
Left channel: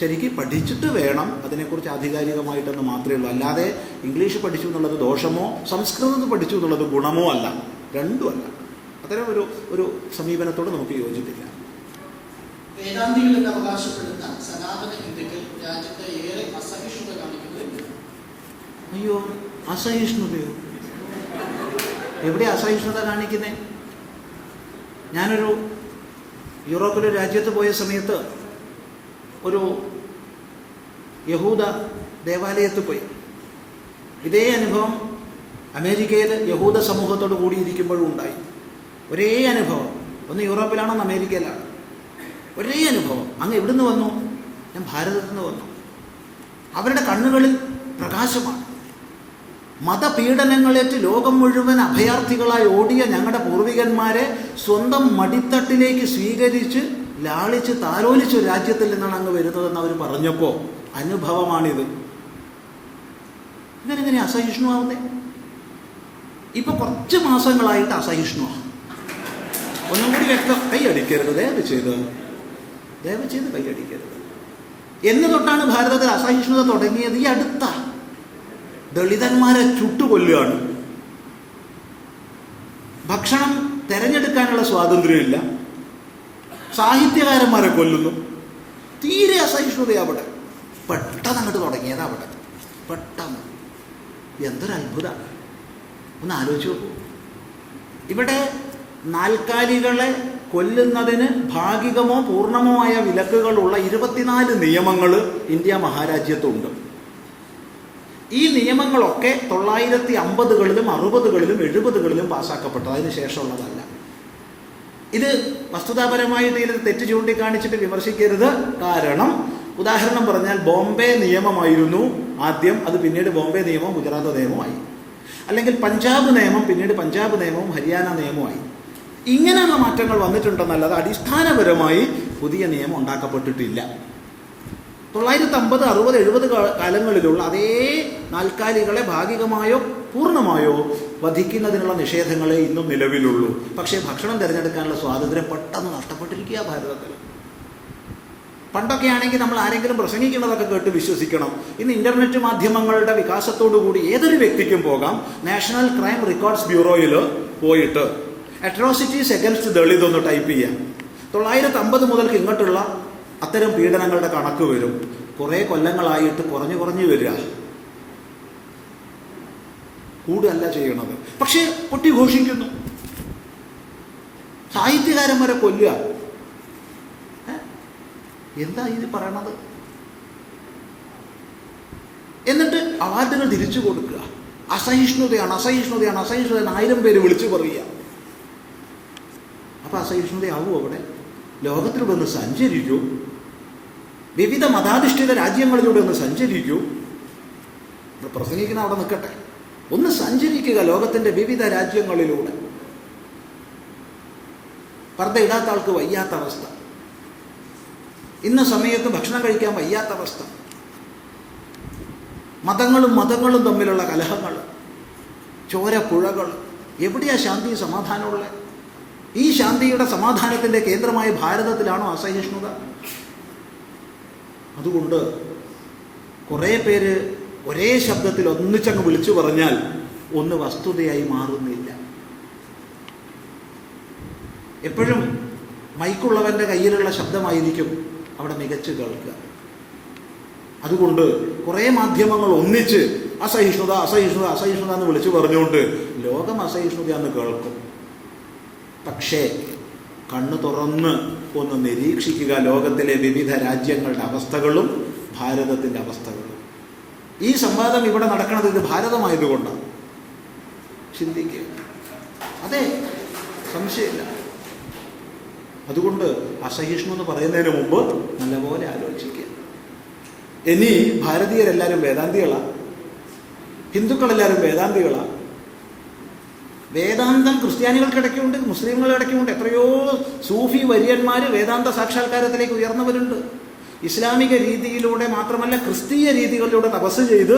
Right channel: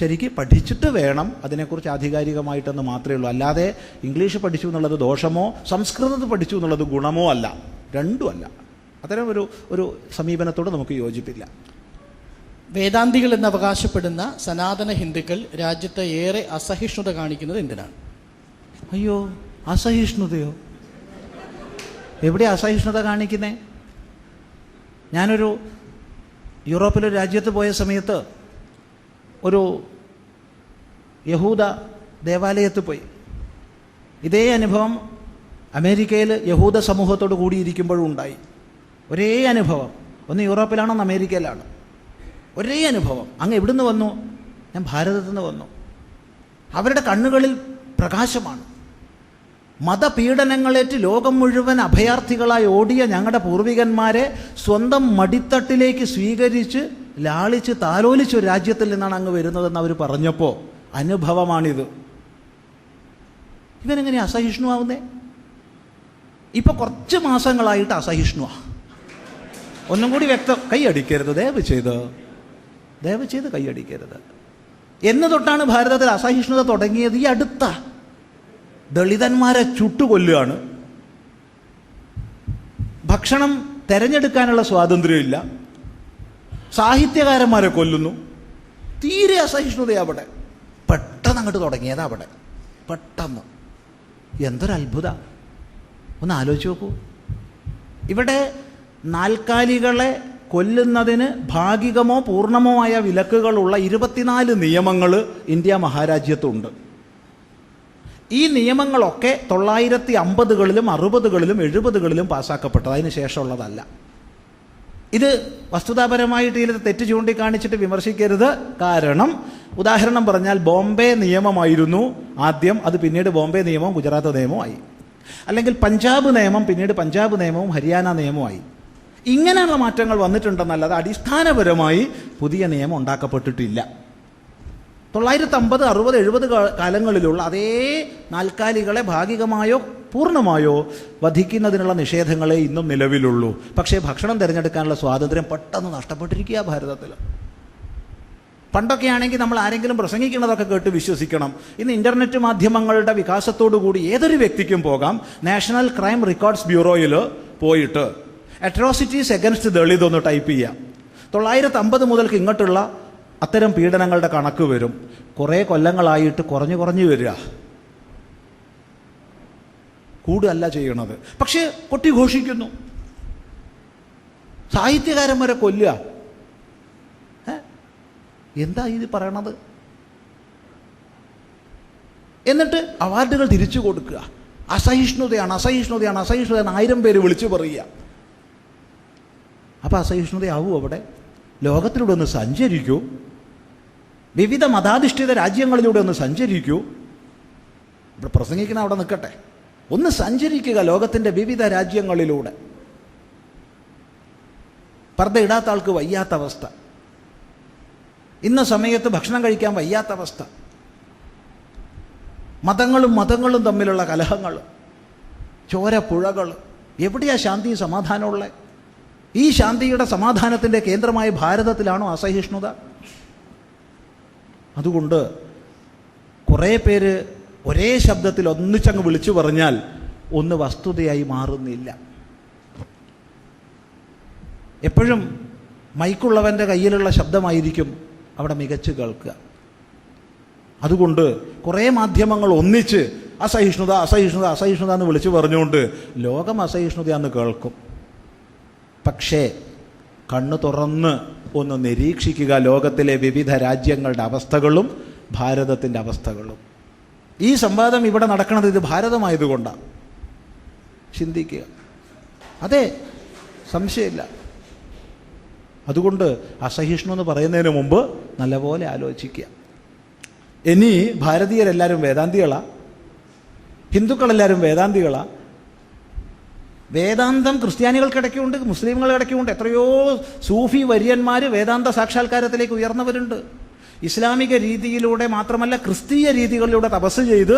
ശരിക്ക് പഠിച്ചിട്ട് വേണം അതിനെക്കുറിച്ച് ആധികാരികമായിട്ടെന്ന് മാത്രമേ ഉള്ളൂ. അല്ലാതെ ഇംഗ്ലീഷ് പഠിച്ചു എന്നുള്ളത് ദോഷമോ സംസ്കൃതത്തിൽ പഠിച്ചു എന്നുള്ളത് ഗുണമോ അല്ല, രണ്ടുമല്ല. അത്തരം ഒരു സമീപനത്തോട് നമുക്ക് യോജിപ്പില്ല. വേദാന്തികൾ എന്ന് അവകാശപ്പെടുന്ന സനാതന ഹിന്ദുക്കൾ രാജ്യത്ത് ഏറെ അസഹിഷ്ണുത കാണിക്കുന്നത് എന്തിനാണ്? അയ്യോ, അസഹിഷ്ണുതയോ? എവിടെ അസഹിഷ്ണുത കാണിക്കുന്നേ? ഞാനൊരു യൂറോപ്പിലെ രാജ്യത്ത് പോയ സമയത്ത് ഒരു യഹൂദ ദേവാലയത്തിൽ പോയി. ഇതേ അനുഭവം അമേരിക്കയിൽ യഹൂദ സമൂഹത്തോട് കൂടിയിരിക്കുമ്പോഴും ഉണ്ടായി. ഒരേ അനുഭവം. ഒന്ന് യൂറോപ്പിലാണോ ഒന്ന് അമേരിക്കയിലാണ്. ഒരേ അനുഭവം. അങ്ങ് എവിടുന്ന് വന്നു? ഞാൻ ഭാരതത്തിൽ നിന്ന് വന്നു. അവരുടെ കണ്ണുകളിൽ പ്രകാശമാണ്. മതപീഡനങ്ങളേറ്റ് ലോകം മുഴുവൻ അഭയാർത്ഥികളായി ഓടിയ ഞങ്ങളുടെ പൂർവികന്മാരെ സ്വന്തം മടിത്തട്ടിലേക്ക് സ്വീകരിച്ച് ലാളിച്ച് താലോലിച്ച് ഒരു രാജ്യത്തിൽ നിന്നാണ് അങ്ങ് വരുന്നതെന്ന് അവർ പറഞ്ഞപ്പോൾ അനുഭവമാണിത്. ഇവനെങ്ങനെ അസഹിഷ്ണുവാകുന്നേ? ഇപ്പൊ കുറച്ച് മാസങ്ങളായിട്ട് അസഹിഷ്ണുവാ. ഒന്നും കൂടി വ്യക്തം, കൈയടിക്കരുത്, ദയവ് ചെയ്ത് കൈയടിക്കരുത്. എന്ന് തൊട്ടാണ് ഭാരതത്തിൽ അസഹിഷ്ണുത തുടങ്ങിയത്? ഈ അടുത്ത ദളിതന്മാരെ ചുട്ടുകൊല്ലുകയാണ്. ഭക്ഷണം തിരഞ്ഞെടുക്കാനുള്ള സ്വാതന്ത്ര്യമില്ല. സാഹിത്യകാരന്മാരെ കൊല്ലുന്നു. തീരെ അസഹിഷ്ണുത അവിടെ പെട്ടെന്ന് അങ്ങോട്ട് തുടങ്ങിയതാ. അവിടെ പെട്ടെന്ന് എന്തൊരത്ഭുതം! ഒന്ന് ആലോചിച്ച് നോക്കൂ. ഇവിടെ നാൽക്കാലികളെ കൊല്ലുന്നതിന് ഭാഗികമോ പൂർണ്ണമോ ആയ വിലക്കുകളുള്ള 24 നിയമങ്ങൾ ഇന്ത്യ മഹാരാജ്യത്തുണ്ട്. ഈ നിയമങ്ങളൊക്കെ 950കളിലും 60കളിലും 70കളിലും പാസ്സാക്കപ്പെട്ടത്, അതിന് ശേഷമുള്ളതല്ല. ഇത് വസ്തുതാപരമായിട്ട് ഇതിൽ തെറ്റ് ചൂണ്ടിക്കാണിച്ചിട്ട് വിമർശിക്കരുത്. കാരണം ഉദാഹരണം പറഞ്ഞാൽ ബോംബെ നിയമമായിരുന്നു ആദ്യം, അത് പിന്നീട് ബോംബെ നിയമവും ഗുജറാത്ത് നിയമവുമായി. അല്ലെങ്കിൽ പഞ്ചാബ് നിയമം പിന്നീട് പഞ്ചാബ് നിയമവും ഹരിയാന നിയമവുമായി. ഇങ്ങനെയുള്ള മാറ്റങ്ങൾ വന്നിട്ടുണ്ടെന്നല്ലാതെ അടിസ്ഥാനപരമായി പുതിയ നിയമം ഉണ്ടാക്കപ്പെട്ടിട്ടില്ല. 950, 60, 70 കാലങ്ങളിലുള്ള അതേ നാൽക്കാലികളെ ഭാഗികമായോ പൂർണ്ണമായോ വധിക്കുന്നതിനുള്ള നിഷേധങ്ങളെ ഇന്നും നിലവിലുള്ളൂ. പക്ഷേ ഭക്ഷണം തിരഞ്ഞെടുക്കാനുള്ള സ്വാതന്ത്ര്യം പെട്ടെന്ന് നഷ്ടപ്പെട്ടിരിക്കുക ഭാരതത്തിൽ. പണ്ടൊക്കെ ആണെങ്കിൽ നമ്മൾ ആരെങ്കിലും പ്രസംഗിക്കുന്നതൊക്കെ കേട്ട് വിശ്വസിക്കണം. ഇന്ന് ഇൻ്റർനെറ്റ് മാധ്യമങ്ങളുടെ വികാസത്തോടു കൂടി ഏതൊരു വ്യക്തിക്കും പോകാം. നാഷണൽ ക്രൈം റെക്കോർഡ്സ് ബ്യൂറോയിൽ പോയിട്ട് അട്രോസിറ്റീസ് എഗൻസ്റ്റ് ദളിത് ഒന്ന് ടൈപ്പ് ചെയ്യാം. 950 മുതൽക്ക് ഇങ്ങോട്ടുള്ള അത്തരം പീഡനങ്ങളുടെ കണക്ക് വരും. കുറേ കൊല്ലങ്ങളായിട്ട് കുറഞ്ഞു വരിക, കൂടുതല്ല ചെയ്യണത്. പക്ഷെ പൊട്ടിഘോഷിക്കുന്നു. സാഹിത്യകാരന്മാരെ കൊല്ലുക. എന്താ ഇത് പറയണത്? എന്നിട്ട് അവാർഡുകൾ തിരിച്ചു കൊടുക്കുക. അസഹിഷ്ണുതയാണ് 1000 പേര് വിളിച്ചു പറയുക. അപ്പം അസഹിഷ്ണുതയാവും അവിടെ? ലോകത്തിലൂടെ ഒന്ന് സഞ്ചരിക്കൂ, വിവിധ മതാധിഷ്ഠിത രാജ്യങ്ങളിലൂടെ ഒന്ന് സഞ്ചരിക്കൂ. പ്രസംഗിക്കുന്ന അവിടെ നിൽക്കട്ടെ, ഒന്ന് സഞ്ചരിക്കുക ലോകത്തിൻ്റെ വിവിധ രാജ്യങ്ങളിലൂടെ. പർദ്ദ ഇടാത്ത ആൾക്ക് വയ്യാത്ത അവസ്ഥ, ഇന്ന സമയത്ത് ഭക്ഷണം കഴിക്കാൻ വയ്യാത്ത അവസ്ഥ, മതങ്ങളും തമ്മിലുള്ള കലഹങ്ങൾ, ചോരപ്പുഴകൾ. എവിടെയാ ശാന്തി സമാധാനമുള്ളത്? ഈ ശാന്തിയുടെ സമാധാനത്തിൻ്റെ കേന്ദ്രമായ ഭാരതത്തിലാണോ അസഹിഷ്ണുത? അതുകൊണ്ട് കുറേ പേര് ഒരേ ശബ്ദത്തിൽ ഒന്നിച്ചങ്ങ് വിളിച്ചു പറഞ്ഞാൽ ഒന്ന് വസ്തുതയായി മാറുന്നില്ല. എപ്പോഴും മൈക്കുള്ളവൻ്റെ കയ്യിലുള്ള ശബ്ദമായിരിക്കും അവിടെ മികച്ച് കേൾക്കുക. അതുകൊണ്ട് കുറേ മാധ്യമങ്ങൾ ഒന്നിച്ച് അസഹിഷ്ണുത എന്ന് വിളിച്ചു പറഞ്ഞുകൊണ്ട് ലോകം അസഹിഷ്ണുതയാന്ന് കേൾക്കും. പക്ഷേ കണ്ണു തുറന്ന് ഒന്ന് നിരീക്ഷിക്കുക ലോകത്തിലെ വിവിധ രാജ്യങ്ങളുടെ അവസ്ഥകളും ഭാരതത്തിൻ്റെ അവസ്ഥകളും. ഈ സംവാദം ഇവിടെ നടക്കുന്നത് ഇത് ഭാരതമായതുകൊണ്ടാണ്. ചിന്തിക്കുക. അതെ, സംശയമില്ല. അതുകൊണ്ട് അസഹിഷ്ണു എന്ന് പറയുന്നതിന് മുമ്പ് നല്ലപോലെ ആലോചിക്കുക. ഇനി ഭാരതീയരെല്ലാവരും വേദാന്തികളാ, ഹിന്ദുക്കളെല്ലാവരും വേദാന്തികളാ. വേദാന്തം ക്രിസ്ത്യാനികൾക്കിടയ്ക്കുണ്ട്, മുസ്ലിമുകളിടയ്ക്കുണ്ട്. എത്രയോ സൂഫി വര്യന്മാർ വേദാന്ത സാക്ഷാത്കാരത്തിലേക്ക് ഉയർന്നവരുണ്ട്. ഇസ്ലാമിക രീതിയിലൂടെ മാത്രമല്ല ക്രിസ്തീയ രീതികളിലൂടെ തപസ് ചെയ്ത്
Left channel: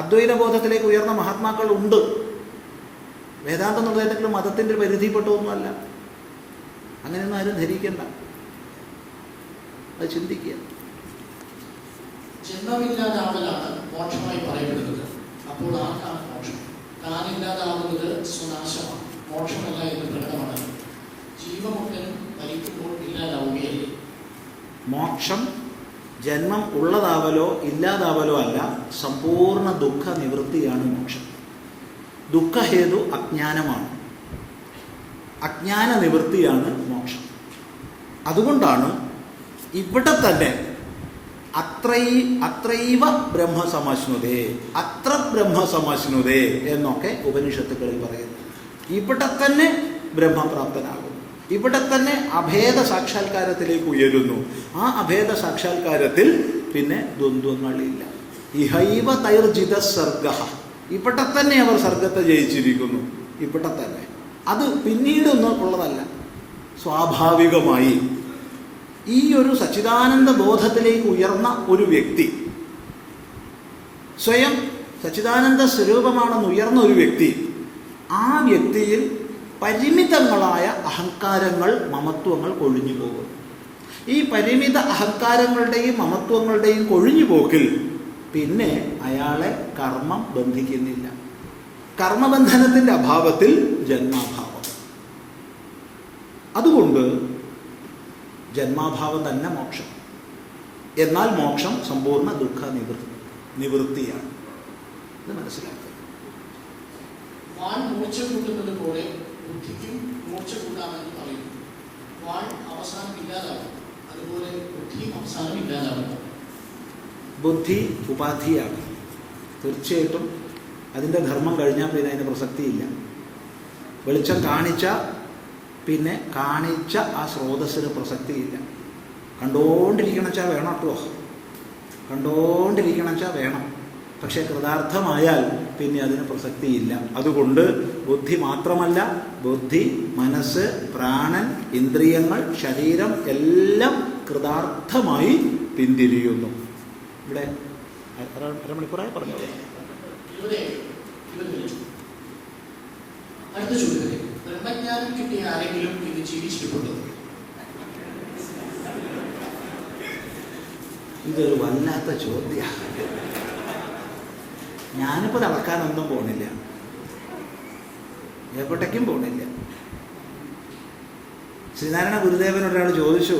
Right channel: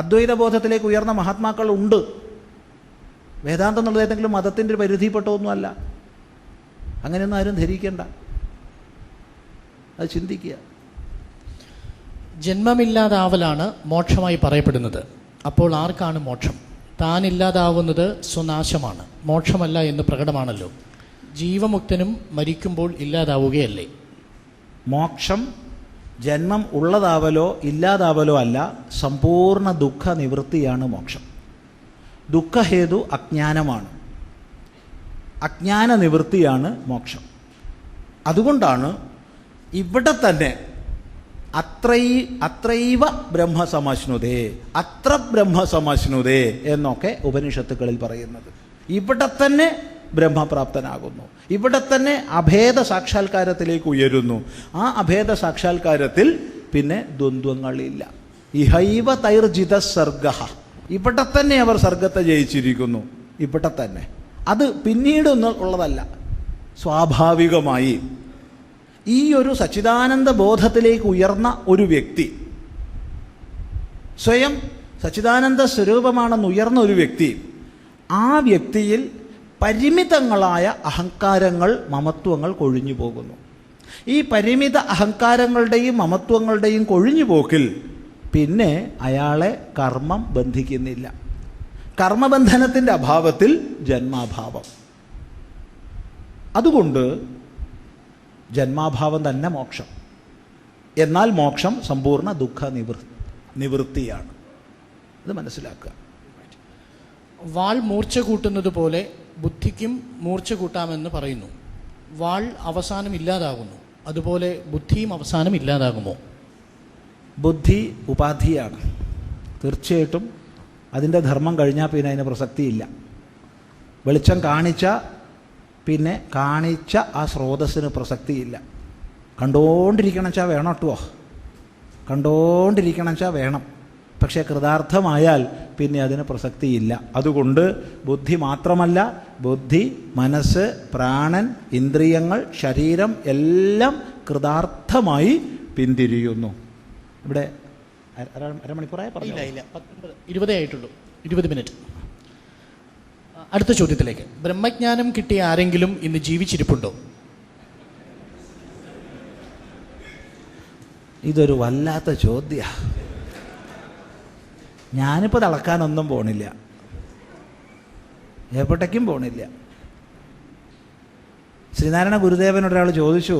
അദ്വൈത ബോധത്തിലേക്ക് ഉയർന്ന മഹാത്മാക്കളുണ്ട്. വേദാന്തം എന്നുള്ളത് ഏതെങ്കിലും മതത്തിൻ്റെ പരിധിപ്പെട്ടൊന്നുമല്ല. അങ്ങനെയൊന്നും ആരും ധരിക്കേണ്ട. അത് ചിന്തിക്കുക. ജന്മമില്ലാതാവലാണ് മോക്ഷമായി പറയപ്പെടുന്നത്. അപ്പോൾ ആർക്കാണ് മോക്ഷം? താനില്ലാതാവുന്നത് സ്വനാശമാണ്, മോക്ഷമല്ല എന്ന് പ്രകടമാണല്ലോ. ജീവമുക്തനും മരിക്കുമ്പോൾ ഇല്ലാതാവുകയല്ലേ? മോക്ഷം ജന്മം ഉള്ളതാവലോ ഇല്ലാതാവലോ അല്ല, സമ്പൂർണ്ണ ദുഃഖ നിവൃത്തിയാണ് മോക്ഷം. ദുഃഖഹേതു അജ്ഞാനമാണ്, അജ്ഞാന നിവൃത്തിയാണ് മോക്ഷം. അതുകൊണ്ടാണ് ഇവിടെ തന്നെ അത്രൈവ ബ്രഹ്മസമാശ്നുതേ, അത്ര ബ്രഹ്മസമാശ്നുതേ എന്നൊക്കെ ഉപനിഷത്തുകളിൽ പറയുന്നു. ഇവിടെ തന്നെ ബ്രഹ്മപ്രാപ്തനാകുന്നു, ഇവിടെ തന്നെ അഭേദ സാക്ഷാത്കാരത്തിലേക്ക് ഉയരുന്നു. ആ അഭേദ സാക്ഷാത്കാരത്തിൽ പിന്നെ ദ്വന്ദ്വങ്ങളില്ല. ഇഹൈവ തൈർജിത സർഗ, ഇവിടെ തന്നെ അവർ സ്വർഗത്തെ ജയിച്ചിരിക്കുന്നു. ഇവിടെ തന്നെ. അത് പിന്നീട് ഉള്ളതല്ല. സ്വാഭാവികമായി ഈ ഒരു സച്ചിദാനന്ദ ബോധത്തിലേക്ക് ഉയർന്ന ഒരു വ്യക്തി, സ്വയം സച്ചിദാനന്ദ സ്വരൂപമാണെന്ന് ഉയർന്ന ഒരു വ്യക്തി, ആ വ്യക്തിയിൽ പരിമിതങ്ങളായ അഹങ്കാരങ്ങൾ, മമത്വങ്ങൾ കൊഴിഞ്ഞു പോകുന്നു. ഈ പരിമിത അഹങ്കാരങ്ങളുടെയും മമത്വങ്ങളുടെയും കൊഴിഞ്ഞു പോക്കിൽ പിന്നെ അയാളെ കർമ്മം ബന്ധിക്കുന്നില്ല. കർമ്മബന്ധനത്തിൻ്റെ അഭാവത്തിൽ ജന്മാഭാവം. അതുകൊണ്ട് ജന്മാഭാവം തന്നെ മോക്ഷം. എന്നാൽ മോക്ഷം സമ്പൂർണ്ണ ദുഃഖ നിവൃത്തിയാണ്. ഇത് മനസ്സിലാക്കുക. വാൾ മൂർച്ച കൂട്ടുന്നത് പോലെ ബുദ്ധിക്കും മൂർച്ച കൂട്ടാമെന്ന് പറയുന്നു. വാൾ അവസാനം ഇല്ലാതാകുന്നു, അതുപോലെ ബുദ്ധിയും അവസാനം ഇല്ലാതാകുമോ? ബുദ്ധി ഉപാധിയാണ്. തീർച്ചയായിട്ടും അതിൻ്റെ ധർമ്മം കഴിഞ്ഞാൽ പിന്നെ അതിന് പ്രസക്തിയില്ല. വെളിച്ചം കാണിച്ച പിന്നെ കാണിച്ച ആ സ്രോതസ്സിന് പ്രസക്തിയില്ല. കണ്ടുകൊണ്ടിരിക്കണച്ചാൽ വേണം കേട്ടോ, കണ്ടുകൊണ്ടിരിക്കണച്ചാൽ വേണം. പക്ഷേ കൃതാർത്ഥമായാൽ പിന്നെ അതിന് പ്രസക്തിയില്ല. അതുകൊണ്ട് ബുദ്ധി മാത്രമല്ല, ബുദ്ധി, മനസ്സ്, പ്രാണൻ, ഇന്ദ്രിയങ്ങൾ, ശരീരം എല്ലാം കൃതാർത്ഥമായി പിന്തിരിയുന്നു. ഇവിടെ അരമണിക്കൂറായി പറഞ്ഞില്ല, 20 ആയിട്ടുള്ളൂ, 20 മിനിറ്റ്. അടുത്ത ചോദ്യത്തിലേക്ക്. ബ്രഹ്മജ്ഞാനം കിട്ടിയ ആരെങ്കിലും ഇന്ന് ജീവിച്ചിരിപ്പുണ്ടോ? ഇതൊരു വല്ലാത്ത ചോദ്യമാണ്. ഞാനിപ്പോൾ തളക്കാനൊന്നും പോണില്ല, എപ്പോഴേക്കും പോണില്ല. ശ്രീനാരായണ ഗുരുദേവനോട് ഒരാൾ ചോദിച്ചു,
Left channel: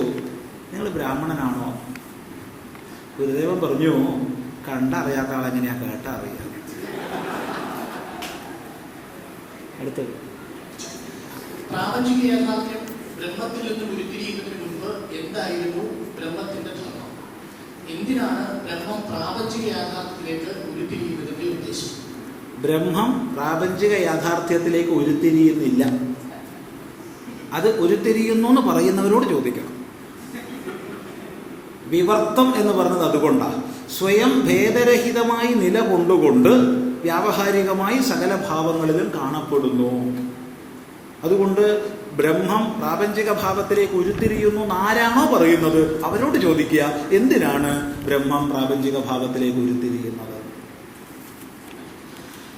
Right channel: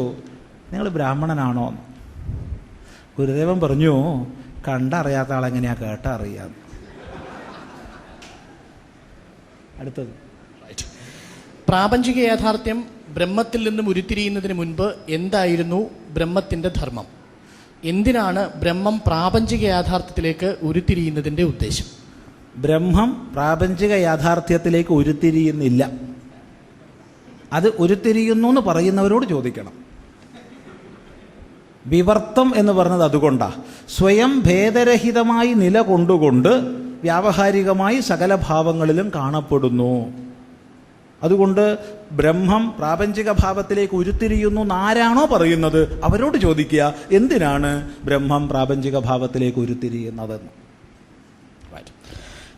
നിങ്ങൾ ബ്രാഹ്മണനാണോ? ഗുരുദേവൻ പറഞ്ഞു, കണ്ടറിയാത്ത ആളെങ്ങനെയാ കേട്ടറിയാം. അടുത്തത്. പ്രാപഞ്ചിക യാഥാർത്ഥ്യം ബ്രഹ്മത്തിൽ നിന്നും ഉരുത്തിരിയുന്നതിന് മുൻപ് എന്തായിരുന്നു ബ്രഹ്മത്തിൻ്റെ ധർമ്മം? എന്തിനാണ് ബ്രഹ്മം പ്രാപഞ്ചിക യാഥാർത്ഥ്യത്തിലേക്ക് ഉരുത്തിരിയുന്നതിൻ്റെ ഉദ്ദേശം? ബ്രഹ്മം പ്രാപഞ്ചിക യാഥാർത്ഥ്യത്തിലേക്ക് ഉരുത്തിരിയുന്നില്ല. അത് ഉരുത്തിരിയുന്നു എന്ന് പറയുന്നവരോട് ചോദിക്കണം. വിവർത്തം എന്ന് പറഞ്ഞത് അതുകൊണ്ടാണ്. സ്വയം ഭേദരഹിതമായി നിലകൊണ്ടുകൊണ്ട് വ്യാവഹാരികമായി സകല ഭാവങ്ങളിലും കാണപ്പെടുന്നു. അതുകൊണ്ട് ബ്രഹ്മം പ്രാപഞ്ചിക ഭാവത്തിലേക്ക് ഉരുത്തിരിയുന്നു എന്നാരാണോ പറയുന്നത് അവരോട് ചോദിക്കുക, എന്തിനാണ് ബ്രഹ്മം പ്രാപഞ്ചിക ഭാവത്തിലേക്ക് ഉരുത്തിരിയുന്നത്?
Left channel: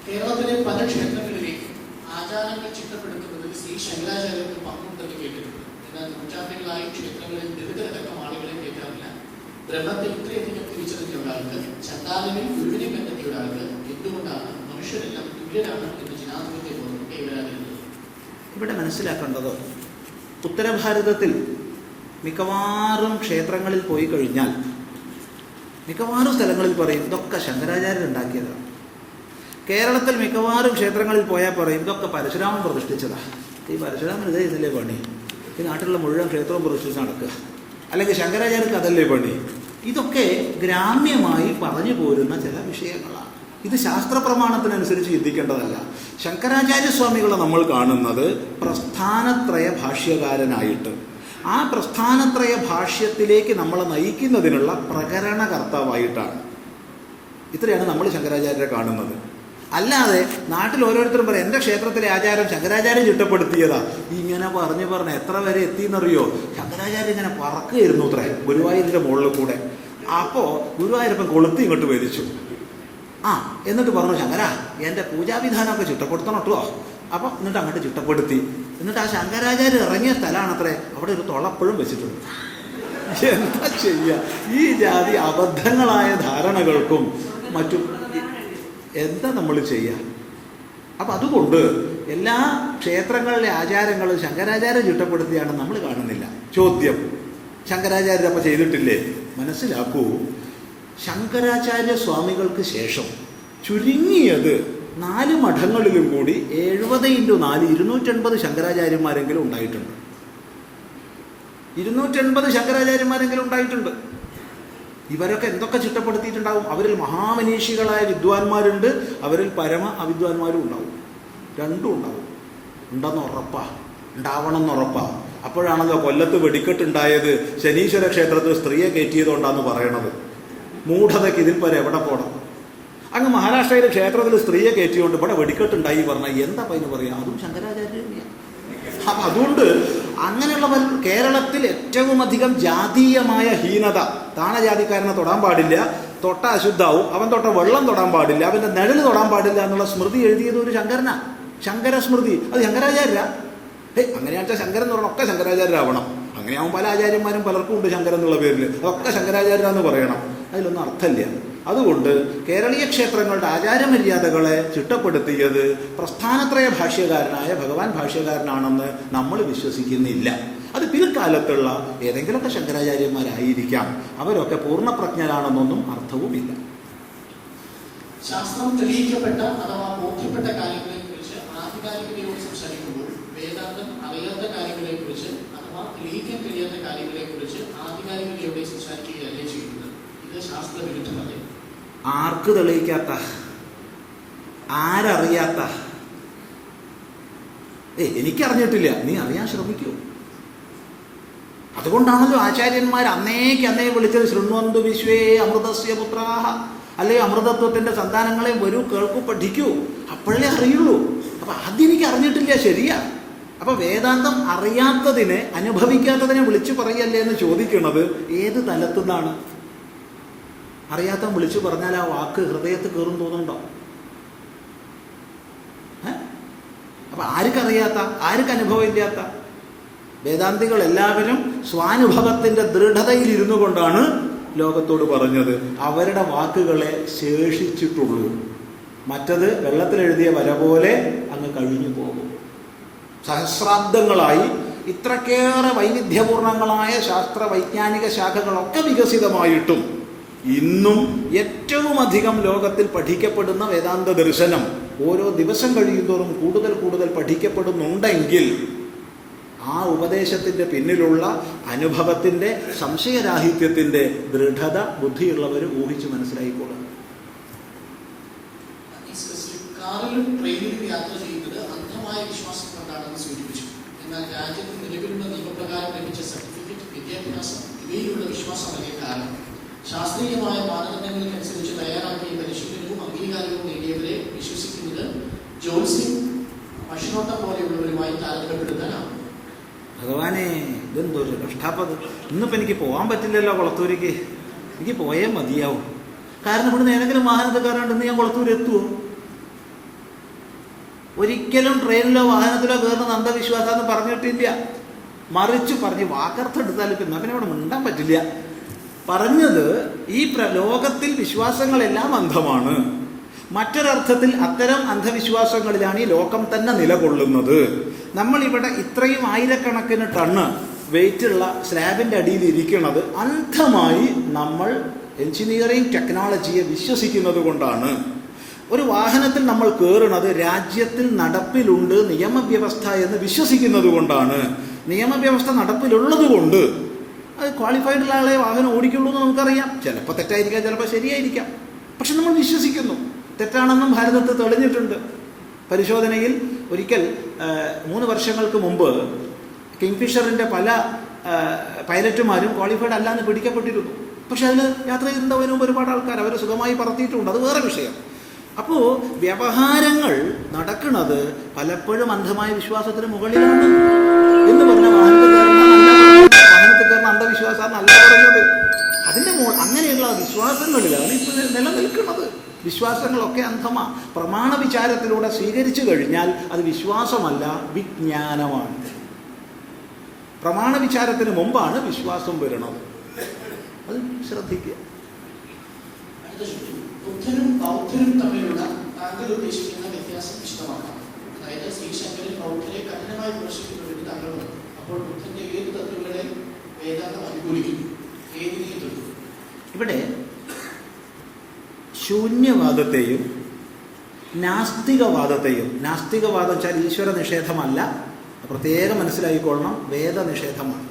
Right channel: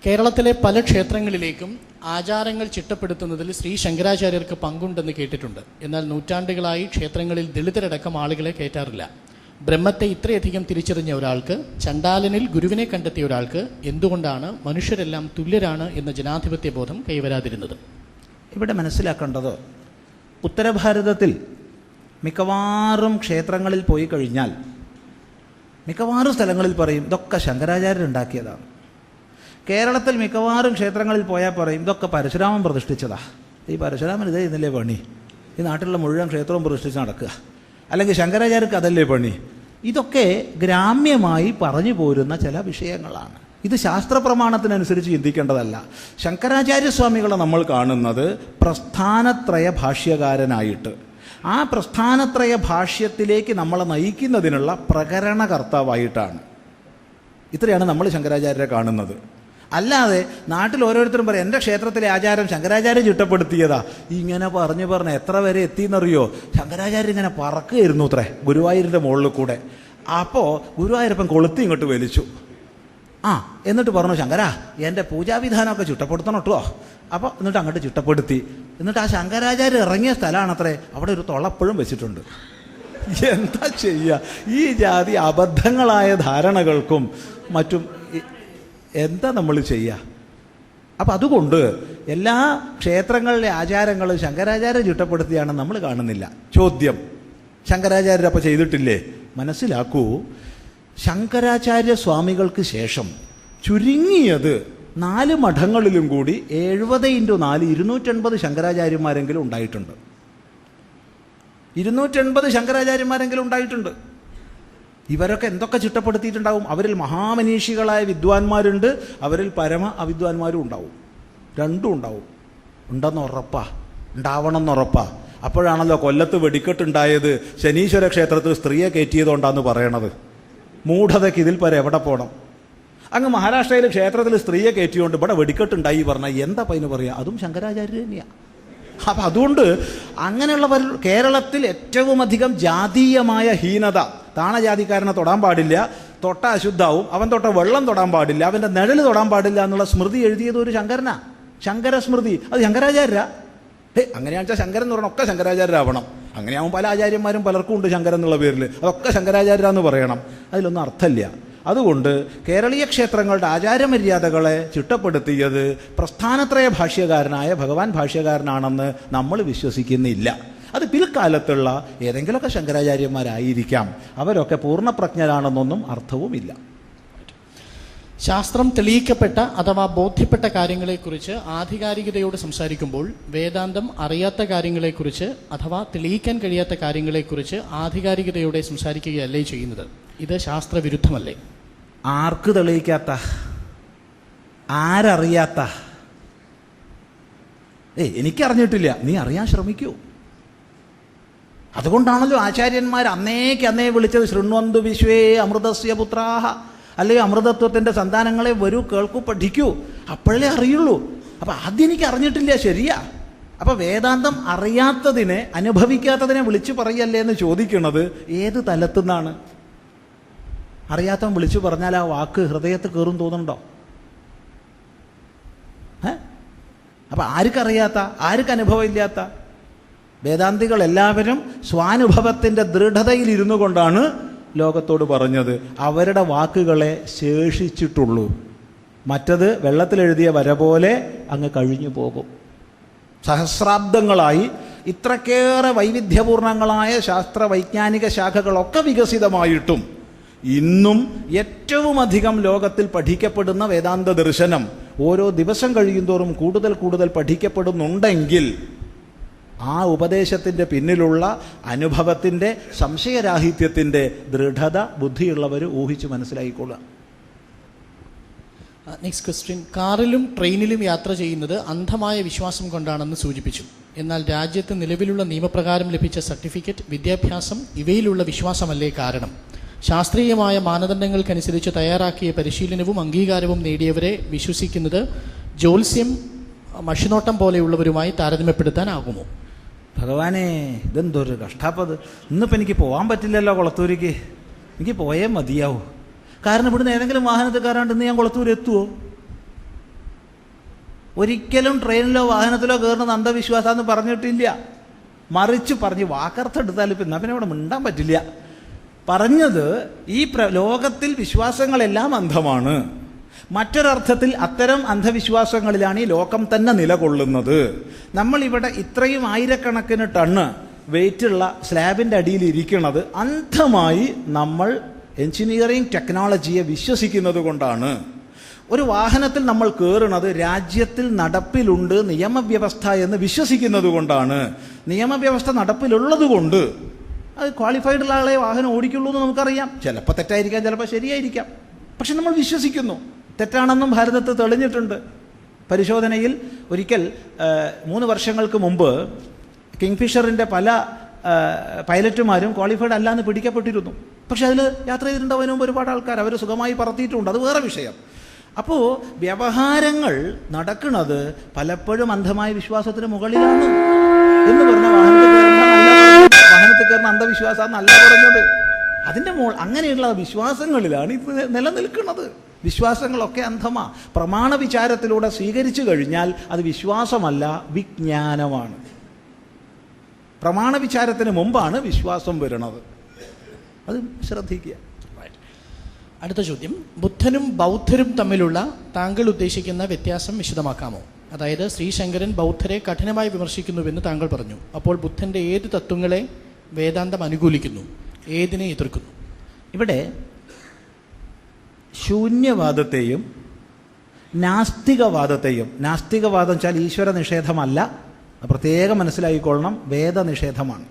കേരളത്തിലെ പല ക്ഷേത്രങ്ങളിലേക്കും ആചാരങ്ങൾ ചിട്ടപ്പെടുത്തുന്നതിൽ ശ്രീ ശങ്കരാചാര്യർക്ക് പങ്കുണ്ടെന്ന് കേട്ടിട്ടുണ്ട്. എന്നാൽ നൂറ്റാണ്ടുകളായി ക്ഷേത്രങ്ങളിൽ ദളിതരടക്കം ആളുകളെ കയറ്റാറില്ല. ബ്രഹ്മത്തെ ഇത്രയധികം തിരിച്ചറിഞ്ഞ ഒരാൾക്ക്, ചണ്ടാലനിൽ ഗുരുവിനെ കണ്ടെത്തിയ ഒരാൾക്ക് എന്തുകൊണ്ടാണ് മനുഷ്യരെല്ലാം തുല്യരാണ് എന്ന ജനാധിപത്യ ബോധം കൈവരാതിരുന്നത്? ഇവിടെ മനസ്സിലാക്കേണ്ടത്, ഉത്തരഭാരതത്തിൽ മിക്കവാറും ക്ഷേത്രങ്ങളിൽ പോയി കഴിഞ്ഞാൽ മിക്കവാറും സ്ഥലങ്ങളിൽ പറയും ഇതൊക്കെ ശങ്കരാചാര്യരുണ്ടാക്കിയതാണ്. കേരളത്തിൽ മിക്കവാറും ക്ഷേത്രങ്ങളിൽ പോയാൽ പറയും ഇതൊക്കെ പരശുരാമൻ പ്രതിഷ്ഠിച്ചതാ. ഈ പരശുരാമൻ ഇതേ ഇന്നല്ലേ പണി, ഈ നാട്ടിലുള്ള മുഴുവൻ ക്ഷേത്രവും പ്രതിഷ്ഠിച്ച് നടക്കുക, അല്ലെങ്കിൽ ശങ്കരാചാര്യർക്ക് അതല്ലേ പണി. ഇതൊക്കെ ഗ്രാമ്യമായി പറഞ്ഞു പോരുന്ന ചില വിഷയങ്ങളാണ്. ഇത് ശാസ്ത്രപ്രമാണത്തിനനുസരിച്ച് ചിന്തിക്കേണ്ടതല്ല. ശങ്കരാചാര്യസ്വാമികളെ നമ്മൾ കാണുന്നത് പ്രസ്ഥാനത്രയ ഭാഷ്യകാരനായിട്ട്, ആ പ്രസ്ഥാനത്രയ ഭാഷ്യത്തിലേക്ക് നമ്മളെ നയിക്കുന്നതിനുള്ള പ്രകരണകർത്താവായിട്ടാണ്. ഇത്രയാണ് നമ്മൾ ശങ്കരാചാര്യരെ കാണുന്നത്. അല്ലാതെ നാട്ടിൽ ഓരോരുത്തരും പറയും എൻ്റെ ക്ഷേത്രത്തിലെ ആചാരം ശങ്കരാചാര്യം ചിട്ടപ്പെടുത്തിയതാ. ഇങ്ങനെ പറഞ്ഞ് എത്ര വരെ എത്തിയെന്നറിയോ? ശങ്കരാചാര്യം ഇങ്ങനെ പറക്കുകയായിരുന്നു അത്രേ ഗുരുവായൂരിൻ്റെ മുകളിൽ കൂടെ. അപ്പോൾ ഗുരുവായൂരപ്പൻ കൊളുത്തി ഇങ്ങോട്ട് വലിച്ചു. എന്നിട്ട് പറഞ്ഞു, ശങ്കരാ എൻ്റെ പൂജാവിധാനമൊക്കെ ചിട്ടപ്പെടുത്തണം കേട്ടോ. അപ്പോൾ എന്നിട്ട് അങ്ങോട്ട് ചിട്ടപ്പെടുത്തി. എന്നിട്ട് ആ ശങ്കരാചാര്യം ഇറങ്ങിയ സ്ഥലമാണത്രേ, അവിടെ ഒരു തുളപ്പഴും വെച്ചിട്ടുണ്ട്. എന്താ ചെയ്യുക? ഈ ജാതി അബദ്ധങ്ങളായ ധാരണകൾക്കും മറ്റും എന്താ നമ്മൾ ചെയ്യുക? അപ്പം അതുകൊണ്ട് എല്ലാ ക്ഷേത്രങ്ങളിലെ ആചാരങ്ങളും ശങ്കരാചാര്യം ചിട്ടപ്പെടുത്തിയാണ് നമ്മൾ കാണുന്നില്ല. ചോദ്യം, ശങ്കരാചാര്യർ അപ്പം ചെയ്തിട്ടില്ലേ? മനസ്സിലാക്കൂ, ശങ്കരാചാര്യ സ്വാമികൾക്ക് ശേഷം ചുരുങ്ങിയത് 4 മഠങ്ങളിലും കൂടി 70x4 280 ശങ്കരാചാര്യന്മാരെങ്കിലും ഉണ്ടായിട്ടുണ്ട്. 280 ശങ്കരാചാര്യന്മാരെങ്കിലും ഉണ്ടായിട്ടുണ്ട്. ഇവരൊക്കെ എന്തൊക്കെ ചിട്ടപ്പെടുത്തിയിട്ടുണ്ടാവും? അവരിൽ മഹാമനീഷികളായ വിദ്വാൻമാരുണ്ട്, അവരിൽ പരമ അവിദ്വാൻമാരും ഉണ്ടാവും. രണ്ടും ഉണ്ടാവും. ഉണ്ടെന്ന് ഉറപ്പാ, ഉണ്ടാവണമെന്ന് ഉറപ്പാ. അപ്പോഴാണല്ലോ കൊല്ലത്ത് വെടിക്കെട്ടുണ്ടായത് ശനീശ്വര ക്ഷേത്രത്തിൽ സ്ത്രീയെ കയറ്റിയതുകൊണ്ടാന്ന് പറയണത്. മൂഢതയ്ക്ക് ഇതിൽ പരം എവിടെ പോകണം? അങ്ങ് മഹാരാഷ്ട്രയിലെ ക്ഷേത്രത്തിൽ സ്ത്രീയെ കയറ്റിയോണ്ട് ഇവിടെ വെടിക്കെട്ടുണ്ടായി പറഞ്ഞാൽ എന്താ പയ്യന് പറയാ, അതും ശങ്കരാചാര്യ തന്നെയാണ്. അപ്പം അതുകൊണ്ട് അങ്ങനെയുള്ള കേരളത്തിൽ ഏറ്റവും അധികം ജാതീയമായ ഹീനത, താണജാതിക്കാരനെ തൊടാൻ പാടില്ല, തൊട്ട അശുദ്ധാവും, അവൻ തൊട്ട വെള്ളം തൊടാൻ പാടില്ല, അവൻ്റെ നിഴല് തൊടാൻ പാടില്ല എന്നുള്ള സ്മൃതി എഴുതിയത് ഒരു ശങ്കരനാ, ശങ്കര സ്മൃതി. അത് ശങ്കരാചാര്യ. അങ്ങനെയാണെന്ന് വെച്ചാൽ ശങ്കരൻ എന്ന് പറഞ്ഞാൽ ഒക്കെ ശങ്കരാചാര്യരാവണം. അങ്ങനെയാവും പല ആചാര്യന്മാരും പലർക്കും ഉണ്ട് ശങ്കരൻ എന്നുള്ള പേരിൽ, അതൊക്കെ ശങ്കരാചാര്യ പറയണം. അതിലൊന്നും അർത്ഥമില്ല. അതുകൊണ്ട് കേരളീയ ക്ഷേത്രങ്ങളുടെ ആചാരമര്യാദകളെ ചിട്ടപ്പെടുത്തിയത് പ്രസ്ഥാനത്രയ ഭാഷ്യകാരനായ ഭഗവാൻ ഭാഷ്യകാരനാണെന്ന് നമ്മൾ വിശ്വസിക്കുന്നില്ല. അത് പിൽക്കാലത്തുള്ള ഏതെങ്കിലുമൊക്കെ ശങ്കരാചാര്യന്മാരായിരിക്കാം. അവരൊക്കെ പൂർണ്ണപ്രജ്ഞരാണെന്നൊന്നും അർത്ഥവുമില്ല. ശാസ്ത്രം തെളിയിക്കപ്പെട്ട അഥവാ ബോധ്യപ്പെട്ട കാര്യങ്ങളെക്കുറിച്ച് ആധികാരികതയോട് സംസാരിക്കുമ്പോൾ വേദാന്തം അറിയാത്ത കാര്യങ്ങളെക്കുറിച്ച് അഥവാ തെളിയിക്കാൻ കഴിയാത്ത കാര്യങ്ങളെക്കുറിച്ച് ആധികാരികതയോടെ സംസാരിക്കുകയല്ലേ ചെയ്യുന്നത്? ഇത് ശാസ്ത്രവിരുദ്ധമല്ലേ? ആർക്ക് തെളിയിക്കാത്ത, ആരറിയാത്ത? എനിക്കറിഞ്ഞിട്ടില്ല, നീ അറിയാൻ ശ്രമിക്കൂ. അതുകൊണ്ടാണല്ലോ ആചാര്യന്മാർ അന്നേ വിളിച്ചത് ശൃണ്വന്തു വിശ്വേ അമൃതസ്യ പുത്രാഹ, അല്ലെങ്കിൽ അമൃതത്വത്തിൻ്റെ സന്താനങ്ങളെ വരൂ, കേൾക്കൂ, പഠിക്കൂ, അപ്പോഴേ അറിയുള്ളൂ. അപ്പം ആദ്യം എനിക്ക് അറിഞ്ഞിട്ടില്ല, ശരിയാ. അപ്പം വേദാന്തം അറിയാത്തതിനെ, അനുഭവിക്കാത്തതിനെ വിളിച്ചു പറയല്ലേ എന്ന് ചോദിക്കുന്നത് ഏത് തലത്തുനിന്നാണ്? അറിയാത്തവൻ വിളിച്ചു പറഞ്ഞാൽ ആ വാക്ക് ഹൃദയത്തിൽ കയറും തോന്നുന്നുണ്ടോ? അപ്പം ആർക്കറിയാത്ത, ആർക്ക് അനുഭവമില്ലാത്ത? വേദാന്തികൾ എല്ലാവരും സ്വാനുഭവത്തിൻ്റെ ദൃഢതയിലിരുന്നു കൊണ്ടാണ് ലോകത്തോട് പറഞ്ഞത്. അവരുടെ വാക്കുകളെ ശേഷിച്ചിട്ടുള്ളൂ. മറ്റത് വെള്ളത്തിലെഴുതിയ വര പോലെ അങ്ങ് കഴിഞ്ഞു പോകും. സഹസ്രാബ്ദങ്ങളായി ഇത്രക്കേറെ വൈവിധ്യപൂർണങ്ങളായ ശാസ്ത്ര വൈജ്ഞാനിക ശാഖകളൊക്കെ വികസിതമായിട്ടും ഇന്നും ഏറ്റവും അധികം ലോകത്തിൽ പഠിക്കപ്പെടുന്ന വേദാന്ത ദർശനം ഓരോ ദിവസം കഴിയുന്തോറും കൂടുതൽ കൂടുതൽ പഠിക്കപ്പെടുന്നുണ്ടെങ്കിൽ ആ ഉപദേശത്തിൻ്റെ പിന്നിലുള്ള അനുഭവത്തിൻ്റെ, സംശയരാഹിത്യത്തിൻ്റെ ദൃഢത ബുദ്ധിയുള്ളവർ ഊഹിച്ച് മനസ്സിലായിക്കോളുക. Next question. കാറിലും ട്രെയിനിലും യാത്ര ചെയ്യുന്നത് അന്ധമായ വിശ്വാസം കൊണ്ടാണെന്ന് സൂചിപ്പിച്ചു. എന്നാൽ രാജ്യത്ത് നിലവിലുള്ള നിയമപ്രകാരം ലഭിച്ച സർട്ടിഫിക്കറ്റ്, വിദ്യാഭ്യാസം ഇവയിലുള്ള വിശ്വാസമല്ലേ കാരണം? ശാസ്ത്രീയമായ മാനദണ്ഡങ്ങൾക്കനുസരിച്ച് തയ്യാറാക്കിയ പരിശീലനവും അംഗീകാരവും നേടിയവരെ വിശ്വസിക്കുന്നത് ജ്യോത്സ്യം, മഷിനോട്ടം പോലെയുള്ളവരുമായി താരതമ്യപ്പെടുത്താനാകുമോ? ഭഗവാനെ, ഇതെന്തൊരു കഷ്ടാപ്പത്. ഇന്നിപ്പോൾ എനിക്ക് പോകാൻ പറ്റില്ലല്ലോ കുളത്തൂരിക്ക്. എനിക്ക് പോയേ മതിയാവും. കാരണം ഇവിടുന്ന് ഏതെങ്കിലും വാഹനത്തിൽ കയറാണ്ട് ഇന്ന് ഞാൻ കുളത്തൂർ എത്തുമോ? ഒരിക്കലും ട്രെയിനിലോ വാഹനത്തിലോ കയറുന്നത് അന്ധവിശ്വാസമെന്ന് പറഞ്ഞിട്ടില്ല. മറിച്ച് പറഞ്ഞ് വാക്കർത്തെടുത്താൽ ഇപ്പം എന്നാൽ പിന്നെ ഇവിടെ മിണ്ടാൻ പറ്റില്ല. പറഞ്ഞത് ഈ ലോകത്തിൽ വിശ്വാസങ്ങളെല്ലാം അന്ധമാണ്. മറ്റൊരർത്ഥത്തിൽ അത്തരം അന്ധവിശ്വാസങ്ങളിലാണ് ഈ ലോകം തന്നെ നിലകൊള്ളുന്നത്. നമ്മളിവിടെ ഇത്രയും ആയിരക്കണക്കിന് ടണ്ണ് വെയിറ്റുള്ള സ്ലാബിൻ്റെ അടിയിൽ ഇരിക്കുന്നത് അന്ധമായി നമ്മൾ എഞ്ചിനീയറിംഗ് ടെക്നോളജിയെ വിശ്വസിക്കുന്നത് കൊണ്ടാണ്. ഒരു വാഹനത്തിൽ നമ്മൾ കയറുന്നത് രാജ്യത്തിൽ നടപ്പിലുണ്ട് നിയമവ്യവസ്ഥ എന്ന് വിശ്വസിക്കുന്നത് കൊണ്ടാണ്. നിയമവ്യവസ്ഥ നടപ്പിലുള്ളത് കൊണ്ട് അത് ക്വാളിഫൈഡുള്ള ആളെ വാഹനം ഓടിക്കുള്ളൂ എന്ന് നമുക്കറിയാം. ചിലപ്പോൾ തെറ്റായിരിക്കാം, ചിലപ്പോൾ ശരിയായിരിക്കാം. പക്ഷെ നമ്മൾ വിശ്വസിക്കുന്നു. തെറ്റാണെന്നും ഭാരതത്തിൽ തെളിഞ്ഞിട്ടുണ്ട്. പരിശോധനയിൽ ഒരിക്കൽ 3 വർഷങ്ങൾക്ക് മുമ്പ് കിങ്ഫിഷറിൻ്റെ പല പൈലറ്റുമാരും ക്വാളിഫൈഡ് അല്ലാന്ന് പിടിക്കപ്പെട്ടിരുന്നു. പക്ഷെ അതിൽ യാത്ര ചെയ്തിട്ടുണ്ടാവുന്നതിന് മുമ്പ് ഒരുപാട് ആൾക്കാർ അവർ സുഖമായി പറത്തിയിട്ടുണ്ട്. അത് വേറെ വിഷയം. അപ്പോൾ വ്യവഹാരങ്ങൾ നടക്കുന്നത് പലപ്പോഴും അന്ധമായ വിശ്വാസത്തിന് മുകളിലാണ് എന്ന് പറഞ്ഞ വാഹനത്തിൽ കയറുന്ന അന്ധവിശ്വാസം നല്ല പറഞ്ഞത്. അതിൻ്റെ അങ്ങനെയുള്ള വിശ്വാസങ്ങളിലാണ് ഇപ്പോൾ നിലനിൽക്കുന്നത്. വിശ്വാസങ്ങളൊക്കെ അന്ധമാ. പ്രമാണ വിചാരത്തിലൂടെ സ്വീകരിച്ചു കഴിഞ്ഞാൽ അത് വിശ്വാസമല്ല, വിജ്ഞാനമാണ്. പ്രമാണ വിചാരത്തിന് മുമ്പാണ് വിശ്വാസം വരുന്നത്. അത് ശ്രദ്ധിക്കുക. അടുത്ത ചോദ്യം. ബുദ്ധനും ബൗദ്ധരും തമ്മിലുള്ള താങ്കൾ ഉദ്ദേശിക്കുന്ന വ്യത്യാസം വിശദമാക്കാമോ? അതായത് ശ്രീശങ്കരൻ ബൗദ്ധരെ കഠിനമായി വിമർശിക്കുന്നുവെന്ന് താങ്കൾ പറഞ്ഞു. അപ്പോൾ ബുദ്ധൻ്റെ ഏത് തത്വങ്ങളെ വേദാന്തം അനുകൂലിക്കുന്നു, ഏതിനെ എതിർക്കുന്നു? ഇവിടെ ശൂന്യവാദത്തെയും നാസ്തികവാദത്തെയും, നാസ്തികവാദം വെച്ചാൽ ഈശ്വര നിഷേധമല്ല, പ്രത്യേകം മനസ്സിലാക്കിക്കൊള്ളണം, വേദനിഷേധമാണ്.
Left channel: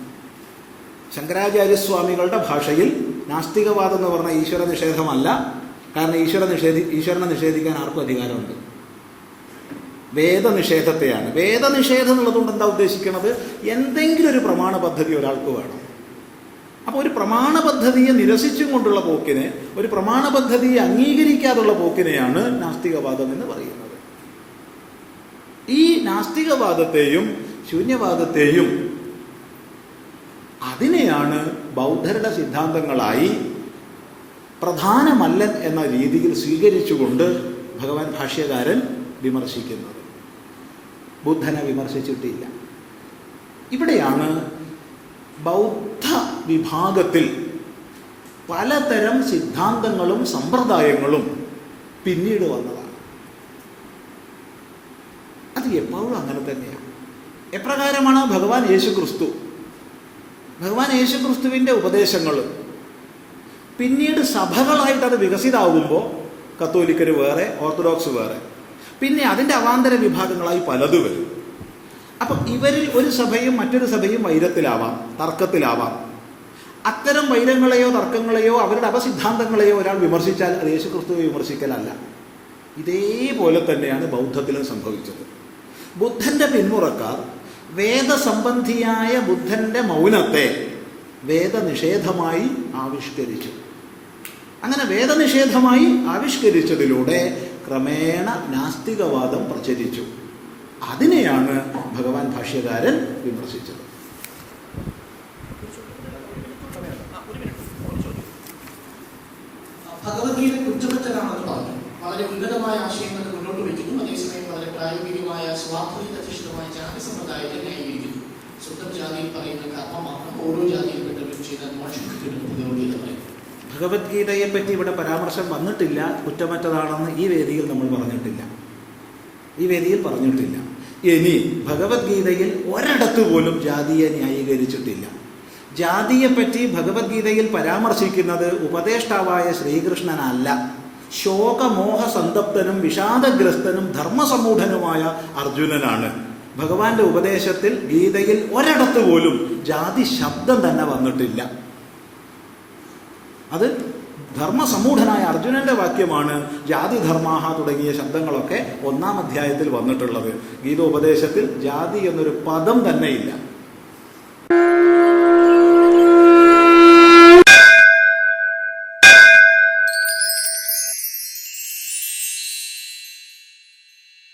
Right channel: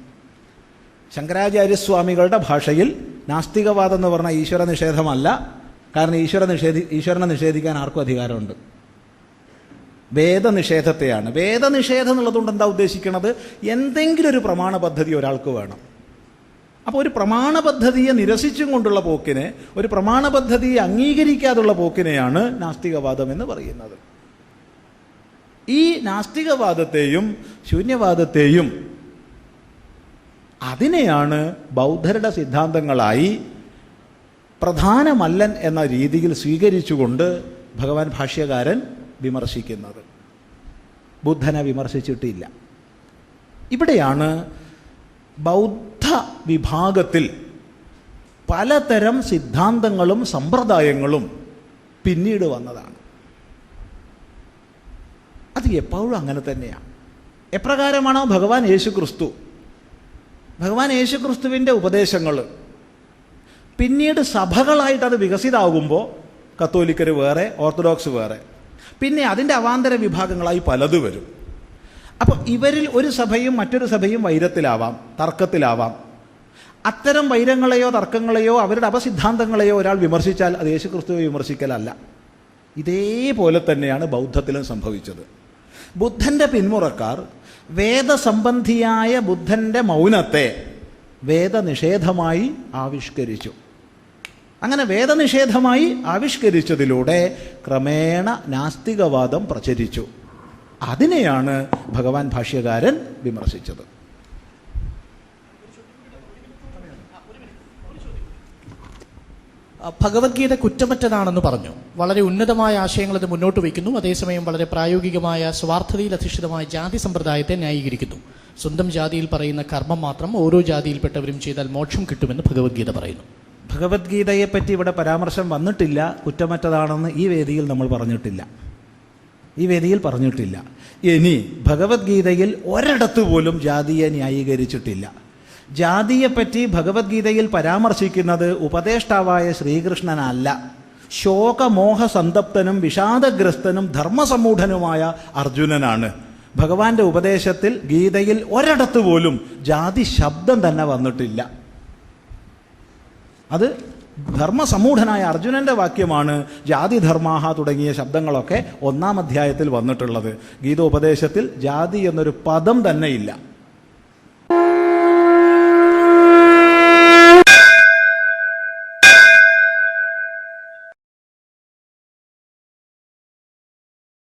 ശങ്കരാചാര്യസ്വാമികളുടെ ഭാഷയിൽ നാസ്തികവാദം എന്ന് പറഞ്ഞാൽ ഈശ്വര നിഷേധമല്ല. കാരണം ഈശ്വരനെ നിഷേധിക്കാൻ ആർക്കും അധികാരമുണ്ട്. വേദനിഷേധത്തെയാണ്. വേദനിഷേധം എന്നുള്ളതുകൊണ്ട് എന്താ ഉദ്ദേശിക്കുന്നത്? എന്തെങ്കിലും ഒരു പ്രമാണ പദ്ധതി ഒരാൾക്ക് വേണം. അപ്പോൾ ഒരു പ്രമാണ പദ്ധതിയെ നിരസിച്ചും കൊണ്ടുള്ള പോക്കിനെ, ഒരു പ്രമാണ പദ്ധതിയെ അംഗീകരിക്കാതുള്ള പോക്കിനെയാണ് നാസ്തികവാദം എന്ന് പറയുന്നത്. ഈ നാസ്തികവാദത്തെയും ശൂന്യവാദത്തെയും അതിനെയാണ് ബൗദ്ധരുടെ സിദ്ധാന്തങ്ങളായി പ്രധാനമല്ലൻ എന്ന രീതിയിൽ സ്വീകരിച്ചുകൊണ്ട് ഭഗവാൻ ഭാഷ്യകാരൻ വിമർശിക്കുന്നത്. ബുദ്ധനെ വിമർശിച്ചിട്ടില്ല. ഇവിടെയാണ് ബൗദ്ധ വിഭാഗത്തിൽ പലതരം സിദ്ധാന്തങ്ങളും സമ്പ്രദായങ്ങളും പിന്നീട് വന്നതാണ്. അത് എപ്പോഴും അങ്ങനെ തന്നെയാണ്. എപ്രകാരമാണ് ഭഗവാൻ യേശു ക്രിസ്തുവിൻ്റെ ഉപദേശങ്ങൾ പിന്നീട് സഭകളായിട്ട് അത് വികസിതമാകുമ്പോൾ കത്തോലിക്കർ വേറെ, ഓർത്തഡോക്സ് വേറെ, പിന്നെ അതിൻ്റെ അവാന്തര വിഭാഗങ്ങളായി പലത് വരും. അപ്പം ഇവരിൽ ഒരു സഭയും മറ്റൊരു സഭയും വൈരത്തിലാവാം, തർക്കത്തിലാവാം. അത്തരം വൈരങ്ങളെയോ തർക്കങ്ങളെയോ അവരുടെ അപസിദ്ധാന്തങ്ങളെയോ ഒരാൾ വിമർശിച്ചാൽ അത് യേശു ക്രിസ്തുവിനെ വിമർശിക്കലല്ല. ഇതേപോലെ തന്നെയാണ് ബൗദ്ധത്തിൽ സംഭവിച്ചത്. ബുദ്ധൻ്റെ പിന്മുറക്കാർ വേദസംബന്ധിയായ ബുദ്ധൻ്റെ മൗനത്തെ വേദനിഷേധമായി ആവിഷ്കരിച്ചു. അങ്ങനെ വേദനിഷേധമായി ആവിഷ്കരിച്ചതിലൂടെ ക്രമേണ നാസ്തികവാദം പ്രചരിച്ചു. അതിനെയാണ് ഭഗവാൻ ഭാഷ്യകാരൻ വിമർശിച്ചത്. ഭഗവത്ഗീത കുറ്റമറ്റതാണെന്ന് പറഞ്ഞു. വളരെ ഉന്നതമായ ആശയങ്ങൾ അത് മുന്നോട്ട് വയ്ക്കുന്നു. അതേസമയം വളരെ പ്രായോഗികമായ സ്വാർത്ഥതയിലധിഷ്ഠിതമായ ജാതി സമ്പ്രദായത്തെ ന്യായീകരിക്കുന്നു. സ്വന്തം ജാതിയിൽ പറയുന്ന കർമ്മം മാത്രം ഓരോ ജാതിയിൽപ്പെട്ടവരും ചെയ്താൽ മോക്ഷം കിട്ടുമെന്ന് ഭഗവത്ഗീത പറയുന്നു. ഭഗവത്ഗീതയെപ്പറ്റി ഇവിടെ പരാമർശം വന്നിട്ടില്ല. കുറ്റമറ്റതാണെന്ന് ഈ വേദിയിൽ നമ്മൾ പറഞ്ഞിട്ടില്ല. ഇനി ഭഗവത്ഗീതയിൽ ഒരിടത്ത് പോലും ജാതിയെ ന്യായീകരിച്ചിട്ടില്ല. ജാതിയെപ്പറ്റി ഭഗവത്ഗീതയിൽ പരാമർശിക്കുന്നത് ഉപദേഷ്ടാവായ ശ്രീകൃഷ്ണനല്ല, ശോകമോഹ സന്തപ്തനും വിഷാദഗ്രസ്തനും ധർമ്മസമ്മൂഢനുമായ അർജുനനാണ്. ഭഗവാന്റെ ഉപദേശത്തിൽ ഗീതയിൽ ഒരിടത്ത് പോലും ജാതി ശബ്ദം തന്നെ വന്നിട്ടില്ല. അത് ധർമ്മസമ്മൂഢനായ അർജുനന്റെ വാക്യമാണ്. ജാതി ധർമാഹ തുടങ്ങിയ ശബ്ദങ്ങളൊക്കെ 1-ാം അധ്യായത്തിൽ വന്നിട്ടുള്ളത്. ഗീതോപദേശത്തിൽ ജാതി എന്നൊരു പദം തന്നെ ഇല്ല.